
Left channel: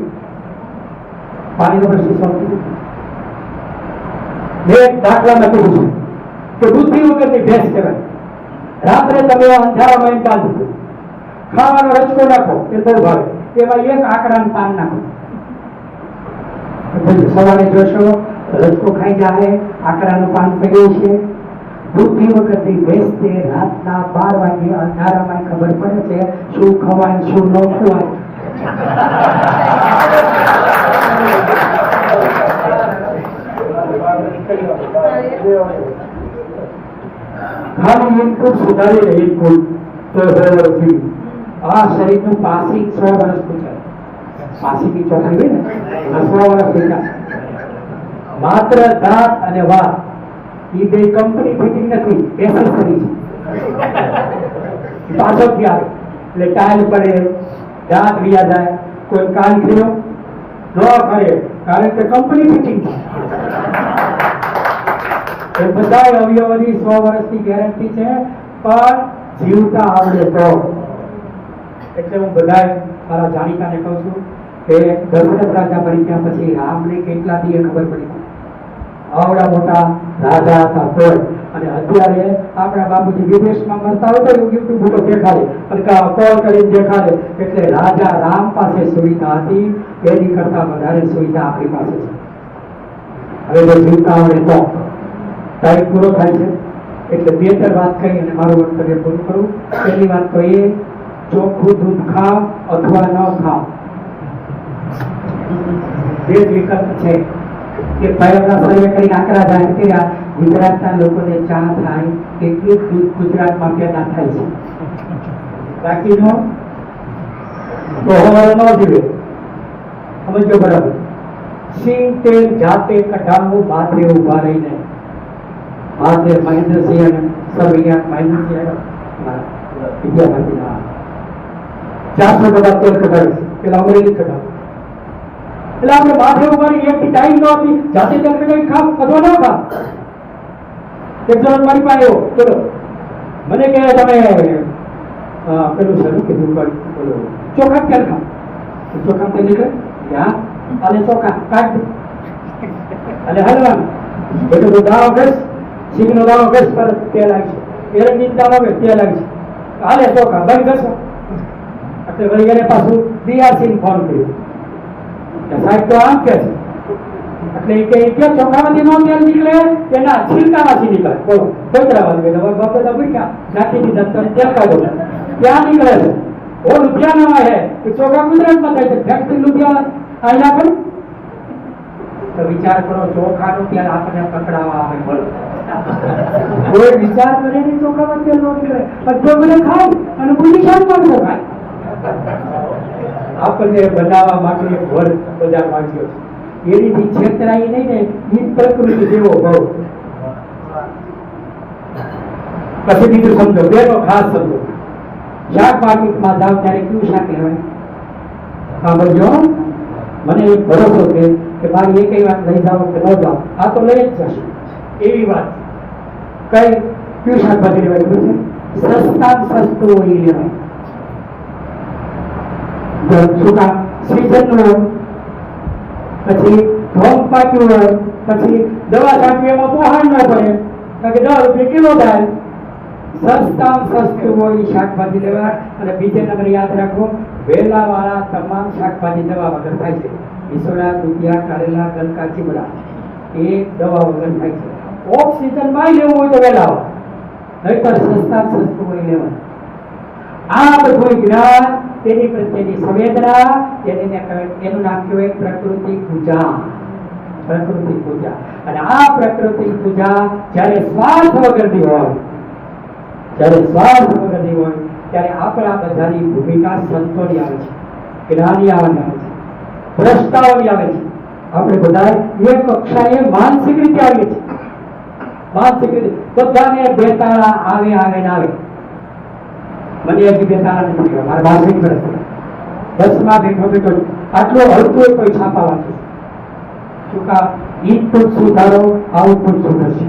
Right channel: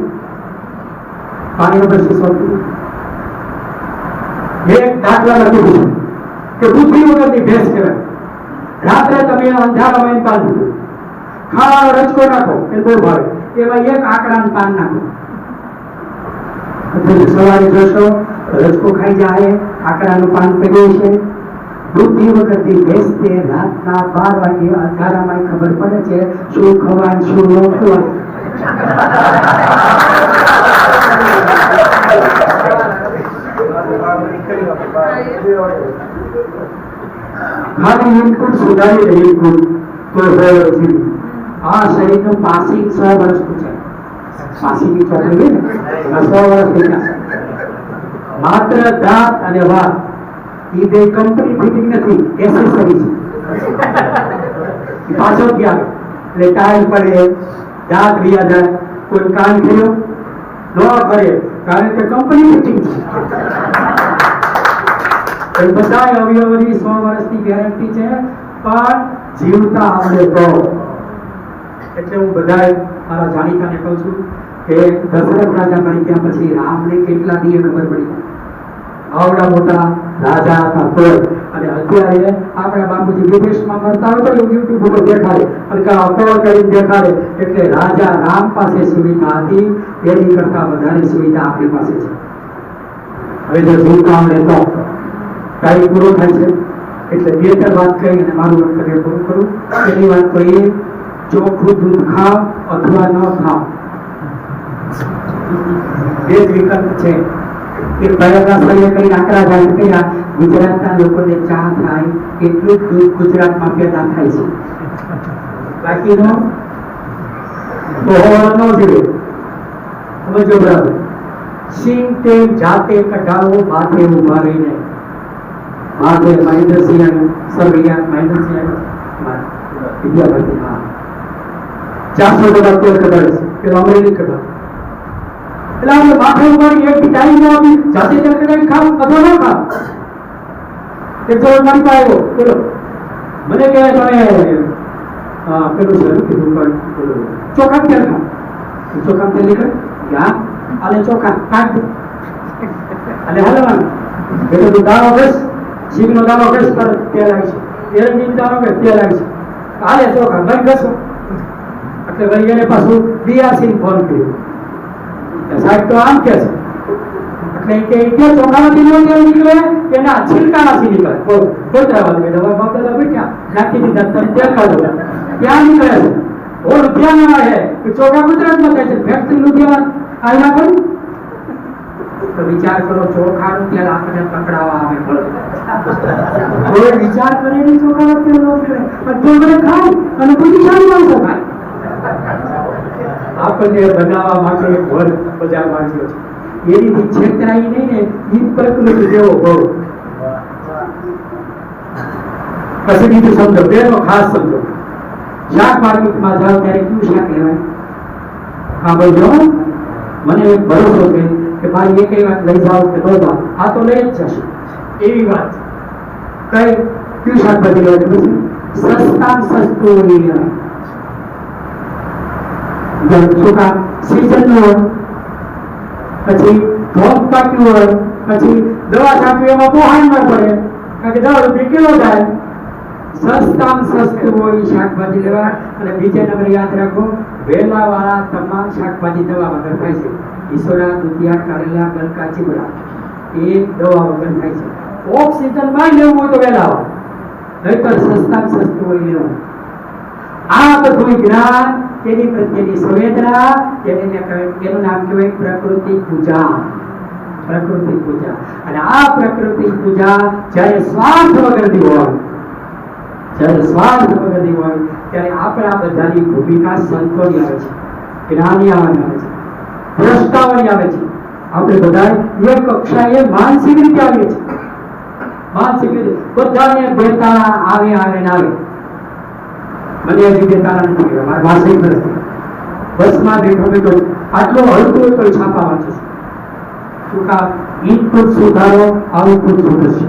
એક દાખલા લખું છું કે બુદ્ધિ વગરની ભેંસ કહેવાય. રાત્રે તમે અંધારામાં બાંધી ખાવાનો રચકો નાખો એ બહુ ભાવે, એમાં એક આંકડાનું પાન નાખો, સવારે જોશો રચકો ખાઈ જાય, આંકડાનું પાન પડ્યું છે. બુદ્ધિ વગરની ભેંસ તે રાતના 12 વાગે અંધારામાં ખબર પડે છે શું ખવાય શું ન ખવાય. ખાલી ઇનપુટ સુધારી રહી ઇનપુટ તો આ શરીરનું પાસિંગ 100 વર્ષનું છે. પાસિંગની ચોકડી હોય ને 100 વર્ષ થયા. માત્ર દાંત અને વાત એ બે કંપની ફિટિંગ નથી, એસેસરી છે. પાછળથી આવે એટલે ટાઈલ પડે, દાંત વ્યા જાય, કોઈ કાન થયો ન કરે કારણ કે કંપની ફિટિંગ છે. બધા અવયવની 100 વર્ષની ગેરંટી છે, પણ જીવતા આવડે તો. એટલે હું બધા મારા જાણીતાને કહું છું કે દશરથ રાજા મરી ગયા પછી રામને કેટલા દીએ ખબર પડી. આવડા મોટા રાજા હતા તો. અને અત્યારે આપણા બાપુજી વિદેશમાં મરતા હોય તો યુટ્યુબ ઉપર દેખાડે, કોલ કરીને દેખાડે. એટલે રાજા રામ પાસે સુવિધા હતી એની કરતા વધારે સુવિધા આપણી પાસે છે. હવે જો જીવતા આવડે તો ટાઈમ પૂરો થાય છે. એટલે બે વાત કહી અને મારું વક્તવ્ય પૂરું કરું. પહેલી વાત તો એ, ચોખ્ખું દૂધ ખાવ અથવા ન ખાવ, બે જ વિકલ્પ છે. કે પ્રયોગના સર્વે કરીને આંકડા જાહેર કર્યા, ગુજરાતના લોકોને ચા થાય એટલું જ દૂધ ગુજરાતમાં પેદા થાય છે, બાકીનો બહોળો ન જોઈએ. સમજો બરાબર. સિંગ તેલ જાતે કઢાવો, માથે ઉભા રહીને. માથે મહેન્દ્રસિંહ અને સર્વૈયા મહેન્દ્રસિંહ વિદ્યાપતિમાં 400 તેલ કઢાવે છે, પેલા અમરેલી કઢાવે. એટલે આપણે માથે ઉભા રહી એક ટાઈમ ન આપી જાતે તેલ કઢાવી ખાવ અથવા ન ખાવ. એક જણ મારી પાસે આવ્યો, બોલો મને કહે તમે પેલું છે કીધું બોલો ચોખા તેલ ખાવ. ચોખા તેલ નીકળે હા, અને ચોખા કાઢ અને હલવાનું એટલે તો દાણો ઘસ, સિંગનો દાણો ઘસ પર તેલ આવી છે, એરંડી દાણો ઘસ તેલ આવી છે, હાલે ચોખા ભાઈ ઘસો. એટલે ભાઈ એને પાછું DRC ફોન કર્યો, સાહેબ તો આમ કે છે. એટલે કે ચોખામાંથી નો તેલ નીકળે એના છિલકામાંથી નીકળે. બોતરાવાળી બેટા બાપદાદા ભૂખ્યા નાખી દીધા તો તેલ કાઢો ક્યાં નીકળે છે? ઓ લુધિયાના હે ચોખા ગુજરાતમાં થાય છે, ફેક્ટરી લુધિયાના આયના પર. તો વિચાર કરો, ચોખાનું તેલ આપણને પકડાવા આવે, બોલો કોઈ વિચાર કરે નહીં ચોખાનું તેલ નો નીકળે, પણ ચોખા ખાય અને બુદ્ધિશાળી માણસો ખાય. આપણને બનાવવા માટે એક વર્ગ બજાર માંગ્યો છે, એની છેતરાઈ નહીં ને ઈ પ્રકૃતિ જેવો ભાવ. પછી બીજું સમજો, બેનો ખાસ સમજો, શાક માર્કેટમાં જાવ ત્યારે કયું શાક લેવાય? હા બોલજો, મને એક ભરોસો છે કે ભાઈ એ કઈ વાત લઈ જાઓ કે ન જાઓ, આ તો લઈ જ જશે એવી વાત. કઈ કયું શાકભાજી લેવાય? સસ્તા સસ્તું લઈ લેવાય. શું કામ? સીઝન હોય, પછી ભોગ પાક્યું હોય, પછી દવા છાંટવી એમાં પોહાણ ન પડે, કારણ કે 10 રૂપિયા કિલો થાય. સસ્તામાં સસ્તું હોય શાકભાજી લેવા. અને બીજા નંબર યાદ રાખો, વેલા વાળા તમામ શાકભાજી દવા વગર થાય છે. ઈસોડા, દુધિયા, કારેલા, ગલકા, ચીમડા એ દવા વગર થાય છે. ઓફ સીઝન માં લેવું હોય તો વેલા વાળા, નહીતર સસ્તામાં સસ્તું હોય લેવું. આ બધું જ્ઞાન, તેની પ્રત્યેની સંવેદના, એનું નામ કહેવાય પ્રકૃતિ પૂજા. પ્રકૃતિ પૂજા. અને આ પ્રકૃતિ પૂજા જ્યારે સ્વાર્થ વગરની હોય, ત્યારે આપણા બધાની ભૂમિકા સંતોની આવે છે, જ્ઞાની આવે છે, દ્રષ્ટાઓની આવે છે. આપણે બધા એક કક્ષાએ માનસિક રીતે આવીએ છીએ. માનસિક રીતે બધાને બેતાળા આવે ને આવે. મને હજી બેતાળા નથી આવ્યા, મારા માનસિક નથી. બસમાં બેઠો આટલો હલકો કોઈ છાપા વાંચે છે. શું કામ? ઇનપુટ સુધારો, આઉટપુટ સુધરશે.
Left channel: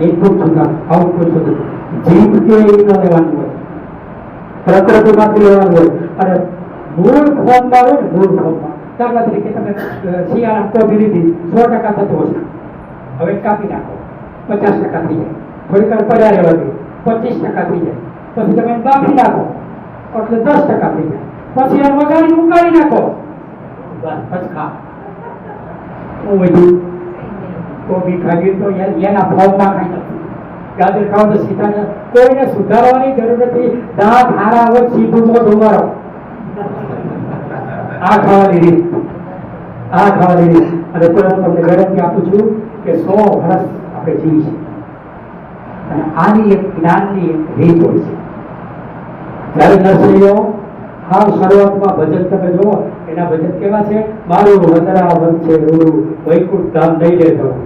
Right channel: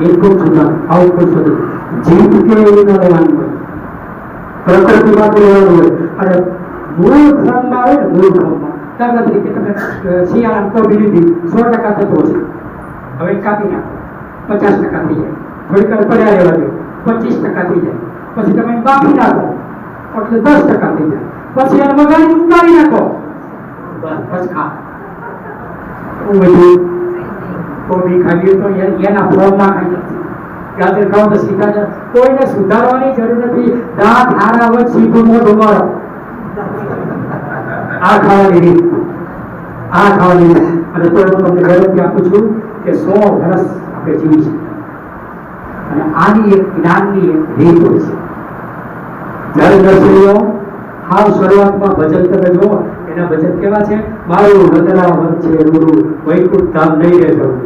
ઇનપુટ સુધારો, આઉટપુટ સુધરશે. જીત કે એ લેવાનું હોય, પ્રકૃતિમાંથી લેવાનું હોય. અને મૂળ ફોર્મમાં હોય ને, મૂળ ફોર્મમાં દાખલા તરીકે તમે શિયાળામાં કોબી લીધી 100% થતો હશે, હવે કાપી નાખો 50% થઈ જાય. થોડીક વાર પડ્યા રહેવા દો, 25% થઈ જાય. પછી તમે બાફી નાખો એટલે 10% થઈ જાય. પછી એને વઘારી ઉકાળી નાખો, બસ ખા. હું બધું કોબી ખાઈએ તો એના ફોર્મમાં ખાઈ નથી. ગાજર ખાવ તો સીધા, કોઈને સુધારવાની જરૂર નથી. દાંત હારા હોય સીધું મોઢું મારો. આ ખાવાની રીત, આ ખાવાની રીત. અને કોઈ હું તમને ગેરંટી આપું છું કે 100 વર્ષ આપણે જીવીશું. અને આની એક જ્ઞાનની એક રીત હોય છે. જ્યારે નર્સરીઓ હાવ શરૂઆતમાં ભજન તમે જુઓ, એના ભજન કેવા છે? મારું વતરાવન છે રૂડું, વૈકુંઠ ધામ નહીં રે જવું.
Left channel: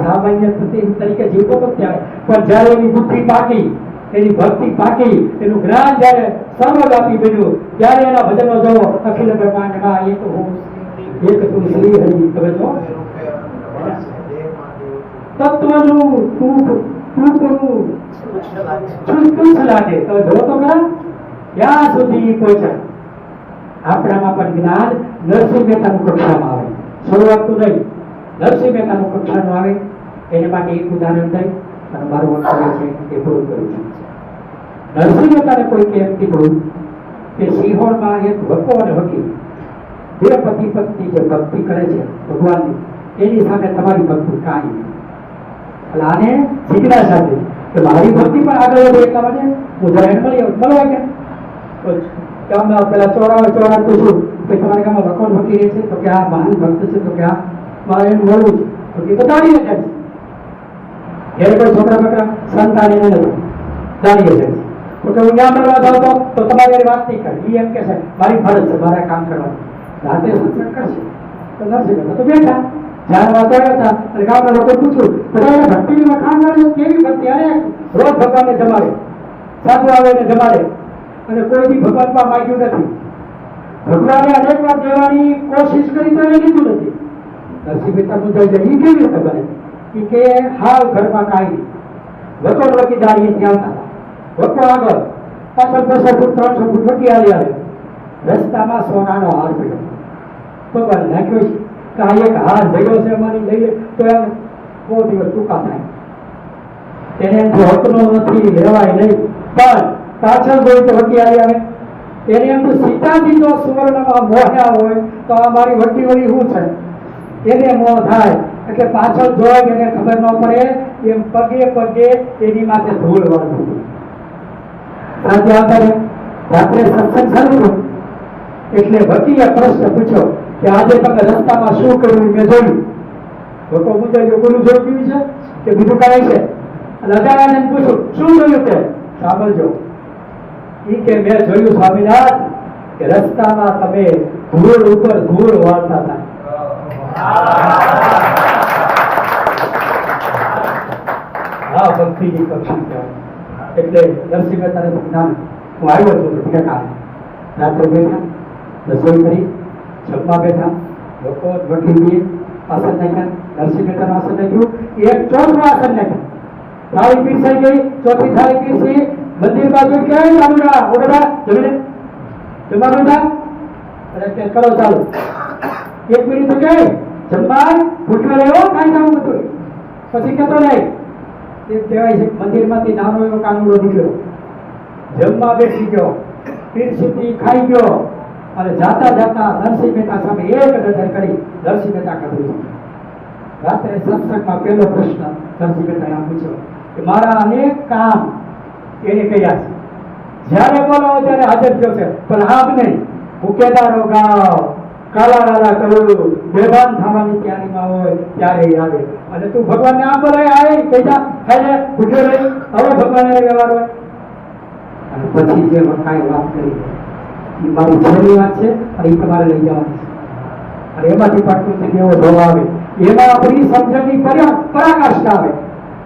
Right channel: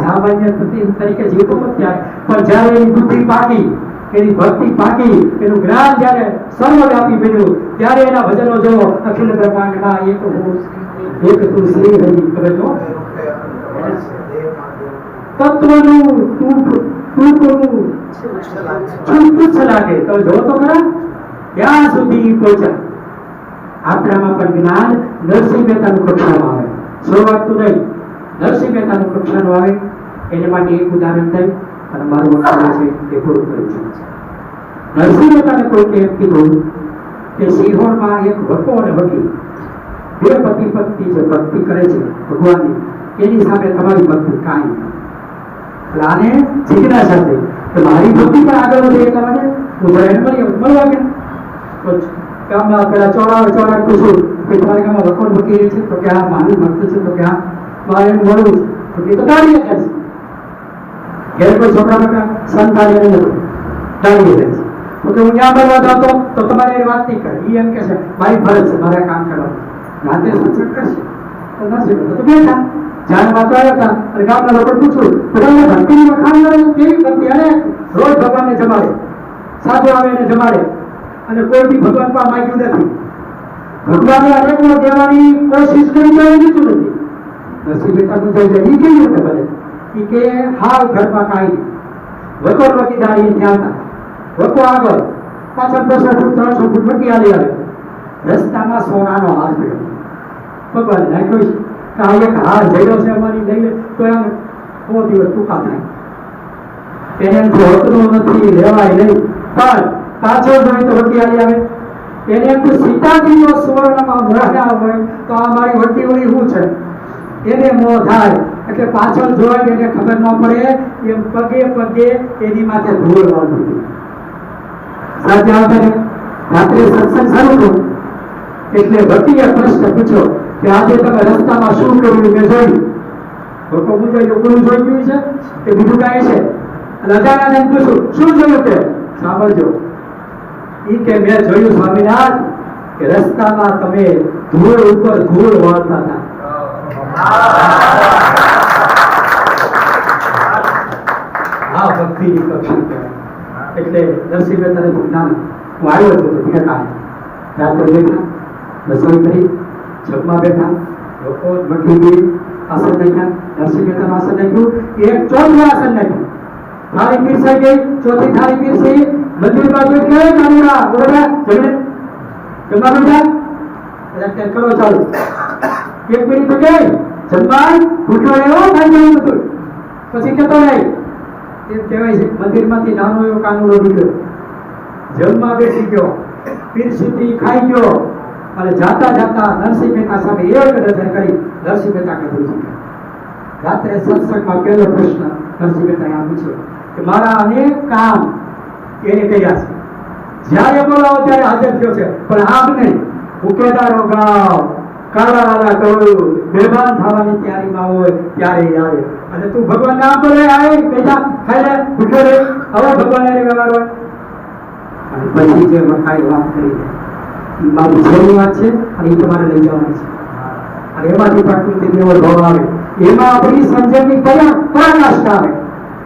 સામાન્ય તરીકે જીવતો નથી આવે, પણ જ્યારે એની બુદ્ધિ પાકી, એની ભક્તિ પાકી, એનું જ્ઞાન જ્યારે સર્વવ્યાપી બન્યું, ત્યારે એના ભજનો જુઓ. અખિલ બ્રહ્માંડમાં એક હું, એક તું શ્રી હરિ. તમે જો તત્વનું ટૂંકનું છુટું લાગે. તમે જો તો ખરા ત્યાં સુધી પહોંચ્યા. આપણામાં પણ જ્ઞાન નરસિંહ મહેતાનું કક્ષામાં આવે, શરૂઆતનું નહીં, નરસિંહ મહેતાનું કક્ષાનું આવે. એને માટે એક ઉદાહરણ દઈ અને મારું વક્તવ્ય છે એ પૂરું કરું છું. નરસિંહ મહેતાને કોઈ એમ કીધું કે સિંહોરમાં એક વકો અને વકી, બે પતિ પત્ની જે ભક્તિ કરે છે ભગવાનની, એની સામે તમારી ભક્તિ કાંઈ. એટલે આને જિજ્ઞાસા થઈ કે મારી ભક્તિ પણ આગળ વધે એટલા માટે હું જરા એને મળવા ગયા. તો ગામના પેલા ચોરા પૂછું કે તમારા ગામમાં વકોડ ભકી રહે છે? તો કે આ મારું ભક્ત છે. તો કે આ મારે એમ મળવું છે તો કે તો દાડીએ જાય છે. ઘેર કોઈ છોકરા મોકરા સંતાન એને નથી દાડીએ જાય છે. તો કે હું ત્યાં મળવા જાઉં તો તમારે એની વાત નહીં કરે. ઈ એમ કે છે મારી ફરજ છે, મારે કામ કરવાનું. રાતે સત્સંગ કરશે તો નરસિંહ મહેતા તો બેઠા જ્યાં વાત આવ્યા હતા અને ગામના લોકો પૂછ્યું બધા ભક્તિની વખાણ કરે છે કેવી ભક્તિ? અરે રોજ ભગવાનને જમાડે, સાધુ આવે એને જમાડે અને કોઈ બી ભગવાન પાસે માંગ્યું નથી. ભગવાને અનેક વાર દેવાની કોશિશ કરી તો એ લીધું નથી. નરસિંહ મહેતા પૂછાય છે ઈ કેવી રીતે બને? ઈ કે હાવ ઘરમાં કાંઈ નહીં. વકોર વકી દાડીએ ત્યાં હતા. વકો આગળ પાછળ 200 ફૂટ 300 ફૂટ વકી હાલી આવે. રસ્તામાં સોનાનો હાર પડ્યો. ભગવાને નાખ્યો છે કે આ એક હાર જડ્યો છે અમારી લઈ લે તો એમ બહુ દિવસ ટૂંકા થાય. એને એમથી હકનો નથી લેવાય નહીં. પણ પાછળ જોઈ તો વકી હાલી આવે. એને એમ તો સીતાજી જો સુવર્ણમાં મોહ્યા હોય તો આ મારી વટી વળી શું છે? એને મોહ થાય એટલે પાછળ જોઈ એને ખબર ન પડે એમ પગે પગે એની માથે ધૂળ વાળું. સાંજે આવતા રાત્રે સત્સંગ શરૂ થયો એટલે ભક્તિએ પ્રશ્ન પૂછ્યો કે આજે તમે રસ્તામાં શું કર્યું મેં જોયું. લોકો મુંજાયો કોનું જોયું છે કે બીજું કાંઈ છે? અને અજાણાને પૂછ્યું શું જોયું તે? સાંભળજો. ઈ કે મેં જોયું સ્વામિનાથ કે રસ્તામાં તમે ધૂળ ઉપર ધૂળ વાળતા હતા. હા ભક્તિની કક્ષા કહેવાય. એટલે નરસિંહ મહેતાને જ્ઞાન હું આવ્યો હતો ભેગા રાત્રે બેઠા રસોઈ કરી જમવા બેઠા લોકો વકીલી આસન નાખ્યા. નરસિંહ મહેતાનું આસન નાખ્યું. એક ચોથું આસન નાખ્યું. થાળી પીરસાઈ ગઈ. ચોથી થાળી પીરસી. બધી બાજુ કે માનુડા ઓ બેટા જમીને જમવા બેઠા એટલે કરો ચાલુ. 1 મિનિટ તો ગઈ જમવાય ભૂખ્યો રહ્યો કાંઈ જવું નતું. પછી કહેતો નહીં એમ કહેવાય છે મંદિરમાંથી નાનો એવો કાનુડો નીકળ્યો જમવા બેસી ગયો પીરસીથી ખાઈ ગયો અને જાતા જાતા નરસિંહ મહેતા સામે એક નજર કરી નરસિંહ મહેતા કબૂલ થયા. રાત્રે સત્સંગમાં પહેલો પ્રશ્ન નરસિંહ મહેતાએ આ પૂછ્યો કે મારા અનેક કામ એને કહ્યા છે, જ્યારે બોલો ત્યારે હાજર થયો છે, પણ આમ નહીં ઉકેદારો ગાવ કાલા વાલા કહું બેભાન થવાની તૈયારીમાં હોય ત્યારે આવે અને તું ભગવાન નામ બોલે આવે પૈસા ખાઈ લે ભૂખ્યો રે હવે ભગવાન એને વ્યવહાર હોય. અને પછી જે વખાઈ વાત કરી એ મારી છેલ્લી વાત છે અને એ તમારે લઈ જવાની છે. અને એમાંથી પ્રકૃતિ એવો ભાવ આવે એમાં આપણી સમજણની પરાકાષ્ઠા આવે.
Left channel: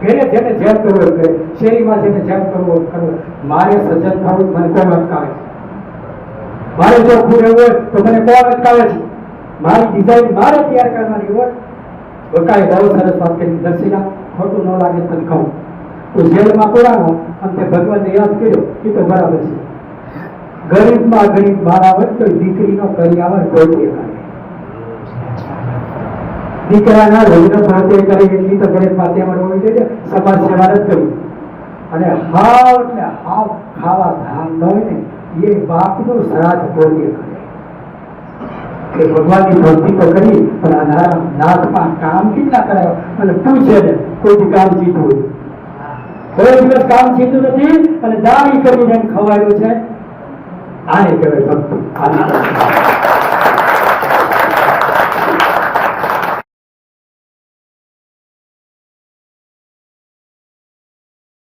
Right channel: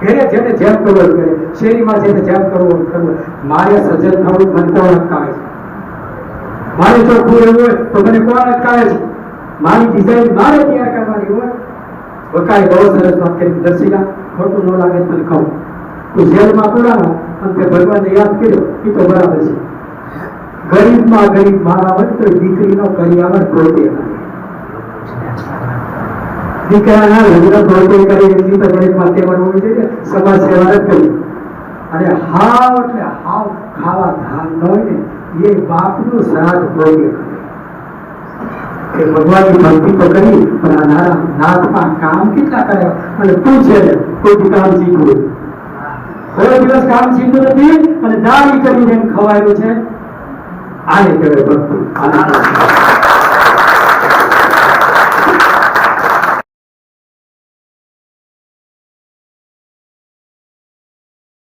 ઘરે જેને જેમ કરવું હોય કરે, શેરીમાં જેને જેમ કરવું હોય કરવું. મારે સજ્જન થવું મને કોણ અટકાવે છે? મારે જો રહેવું હોય તો મને કોણ અટકાવે છે? મારી ડિઝાઇન મારે તૈયાર કરવાની હોય. વકાએ બહુ સરસ વાત કરી. દર્શિકા ખોટું ન લાગે તને કહું, તું જેલમાં પડાવો અને તે ભગવાનને યાદ કર્યો એ તો બરાબર છે. ગરીબમાં ગરીબ મારા હોય તો દીકરીનો કરિયાવર ગોતે દીકરાના લગ્ન ગોતે કરી એટલી તો ગરીબ માટે હોવી જોઈએ. સમાજ સેવા નથી કરી અને હાવ એટલે હાવ ખાવા ધાન ન હોય ને એ બાપનું શ્રાદ્ધ ગોતે કે ભગવાનની ભક્તિ તો કરી પણ આ નારા નાથમાં કામ કેટલા કર્યા અને પૂછે ને કોઈ કામ શીખવું કોઈ દિવસ કામ શીખ્યું નથી અને દાડી કરીને ખવાયું છે. આને કહેવાય ભક્તિ.